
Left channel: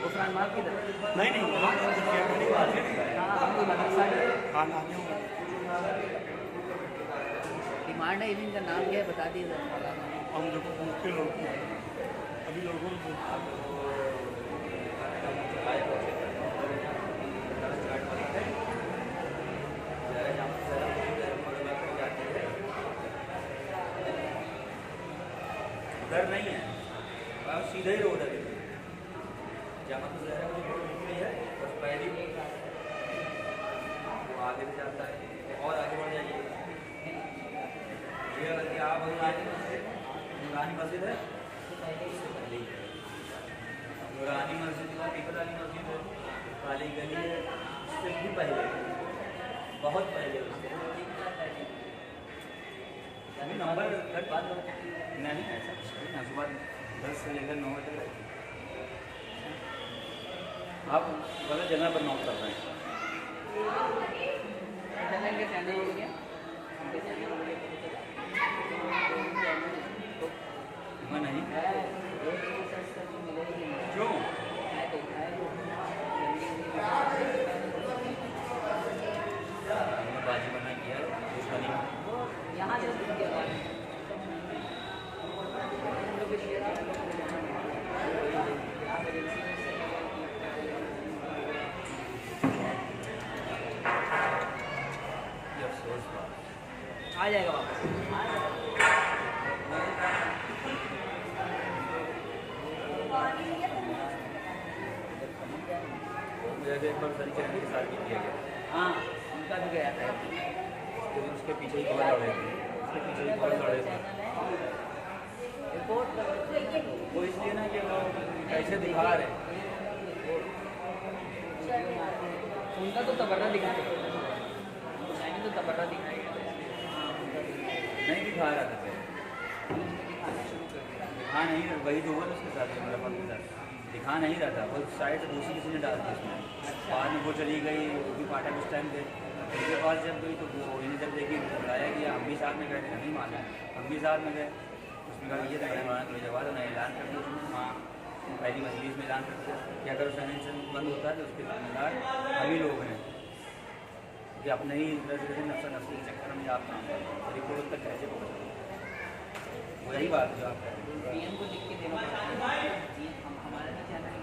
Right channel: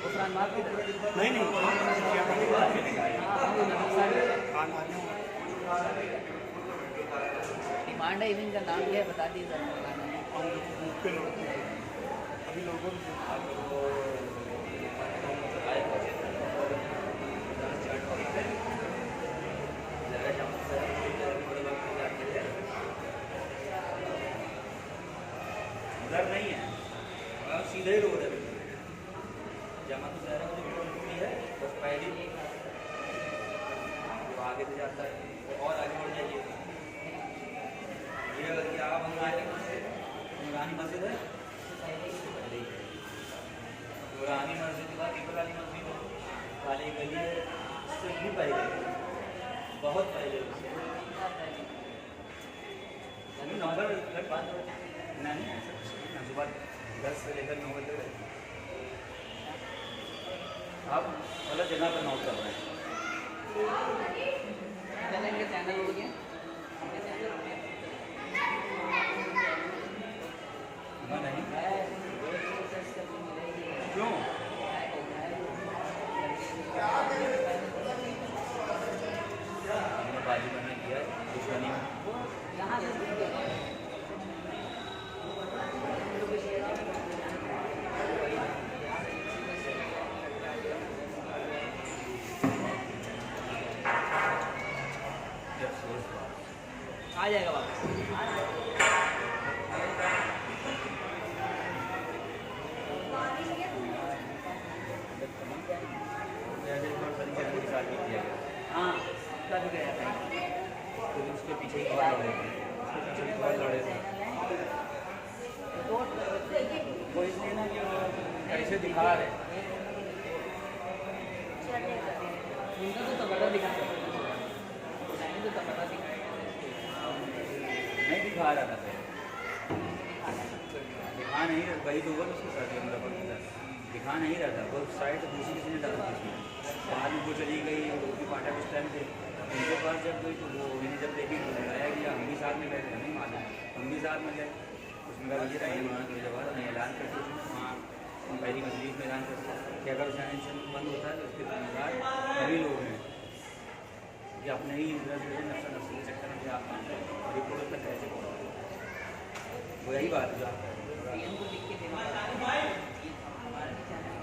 गुफरान मार्ग की तरफ नहीं हाँ हम भी मदरसा डिमांड है इवनिंग का नाम क्या है बता दीजिए अभी लोगों उधर नहीं है सीधे ही रोड है जहाँ तो ज़्यादा नहीं है बस पहले आगे भी जाता है और आगे बढ़ जाइए ये अगर आप नूरानी मस्जिद है नूरानी मस्जिद टिकट वाली मस्जिद काली गली है इससे भी पहले बहुत पहले नंबर नहीं ऐसा सुबह 10 से लेकर 9 बजे तक आप गलत जगह पर नोट कर रहे हैं चैनल के चैनल हो गया नहीं क्यों हमने गाड़ी बना किया यहाँ आ जाएगा वापस एकदम तरीके से साथ किया गया हाँ उसका भी गया था तो उसके पीछे ही और लड़े उसके पीछे ही और लड़े रिपोर्ट दिखा रहे हैं। उनका तो तबट्टा दिखाया, मैंने तो तबट्टा दिखाया नहीं दिखा रहा था पहले। दिखा नहीं रहा, वही तो हुआ उसके साथ मेरा बात हो जाता, दिखा नहीं रहा था। और साइड दूसरी किसी ने डाल दी उसमें, बाद में वो चली गई, वो भी पाटा उस टाइम थे उनके पास जब गई तो वो उन्होंने जब देखी बुलाया कि हम भी साथ में गए, नहीं माना, हम भी साथ में गए। उसमें कहा ये तो बड़ी माना कोई जवाब मैं ऐलान कर दिया वहाँ पहली मजलिस में ऐलान करते कि अगर सैनिटेशन बंद होता है तो उसके जिम्मेदार सभी लोग हैं कि अपने ही नफस के चक्कर में जाते हैं रिपोर्ट तक कैसे वही बात है।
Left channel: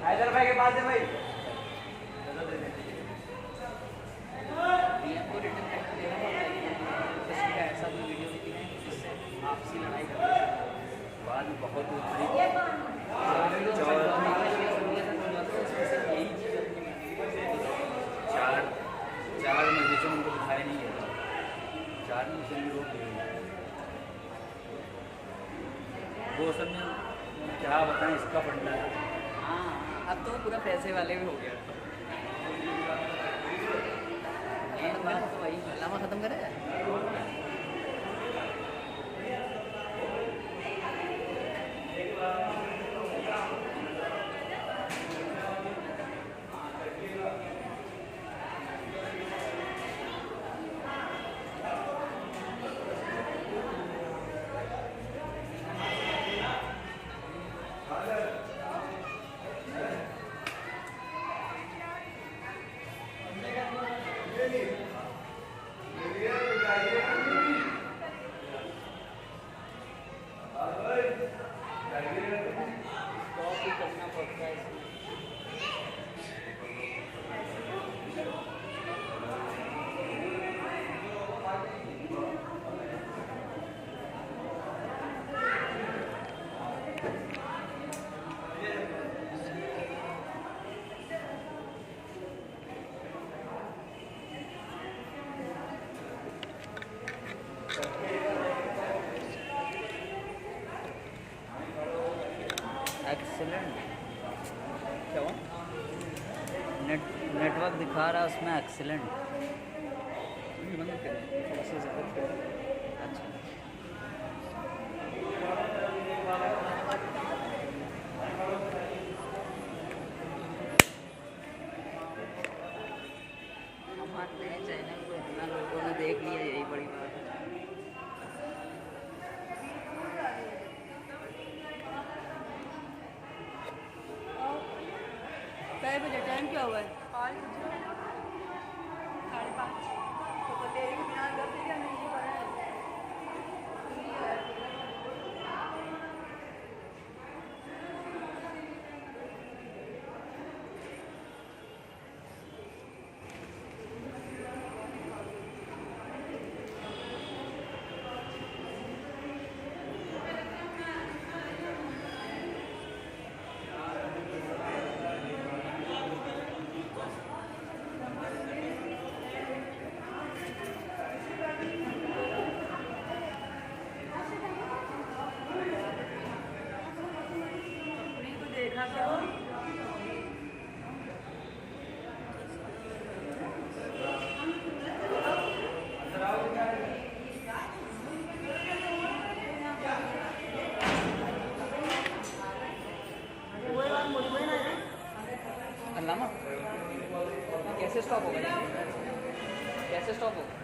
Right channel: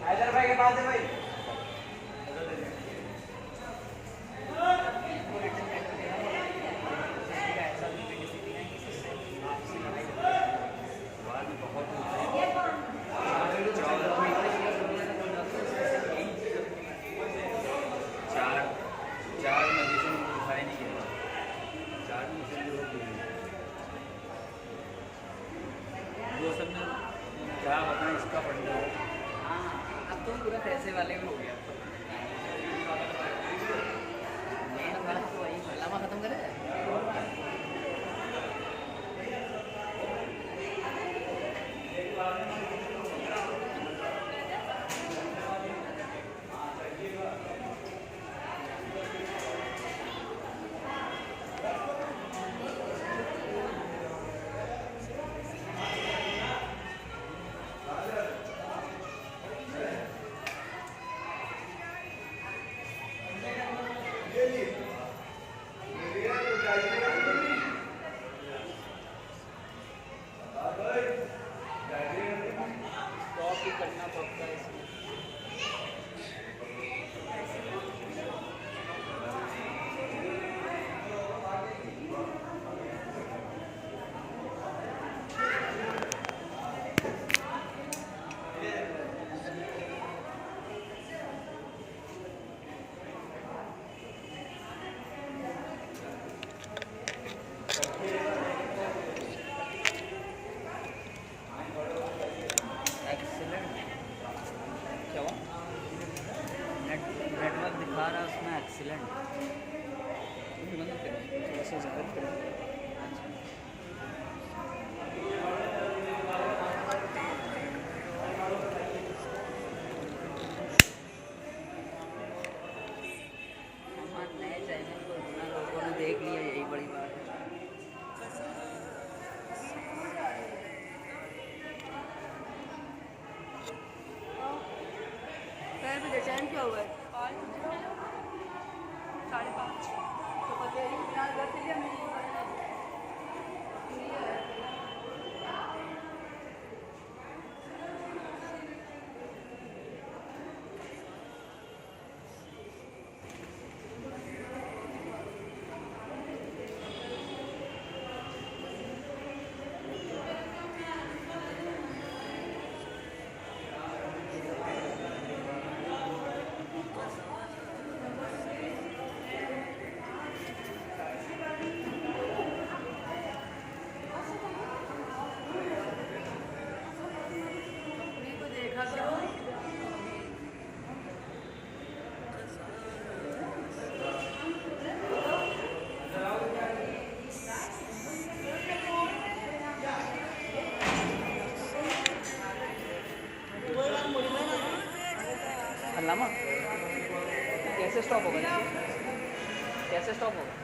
हैदर भाई के पास है भाई। चार मजलिसों में दिखाई नहीं है, चार मुस्लिम लोग वो सब ने क्या बताएं इसका पढ़ना है। हाँ, अब तो पूरा पैसे वाले में हो गया। मेन बात तो वही हलामा खत्म करेगा। स्टॉप ही करना पड़ता है इसमें। क्या हुआ? नेटवर्क दिखा रहा है उसमें एक्सीलेंट। बंद करें, थोड़ा सा ज़्यादा करें। हमारे नए चैनल को इतना लोगों ने देख लिया, यही बड़ी बात है। बजे टाइम क्या हुआ है? 5:30। तो तेरी बिना दस या नहीं हल्लामा कैसे स्टॉप होगा? कैसे स्टॉप होगा?